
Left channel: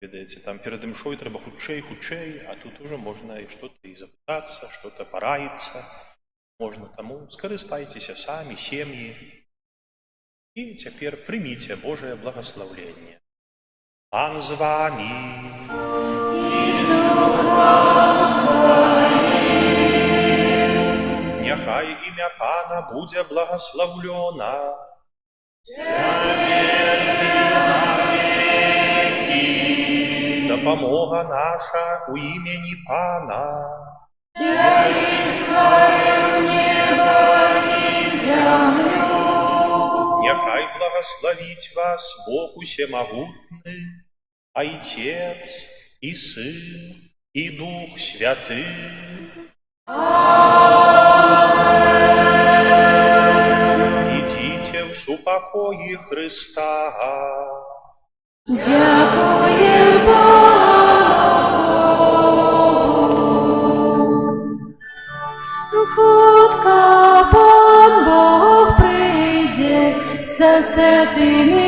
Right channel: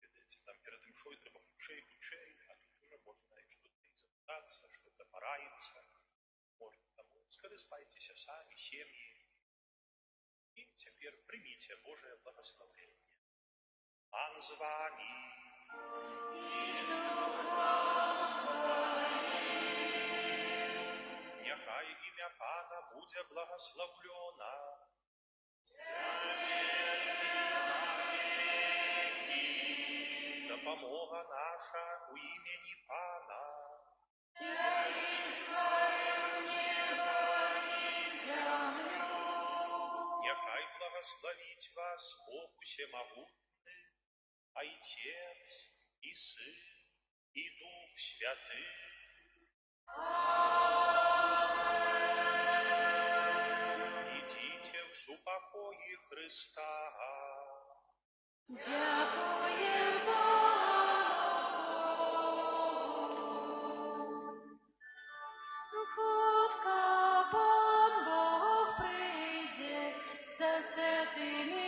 ведаеце, там перад імшой трэба хутчэй, а тут уже можна і што-то і запытацца, што-то параіцца. Можна, таму скарыстайцеся самі, сем'і. І цяпер прыміце Божае благаслаўленне. Пан з вамі. І з духом твоїм. Няхай імя Пана будзе благаслаўлёна. Дапамога наша у імені Пана. Який створив небо і землю. Няхай благословить вас Бог усемогутный, Отец и Сын и Дух Святый. Идите в супокої Христа. Дякуєм Богу. Хутко Пан Бог прийде за святими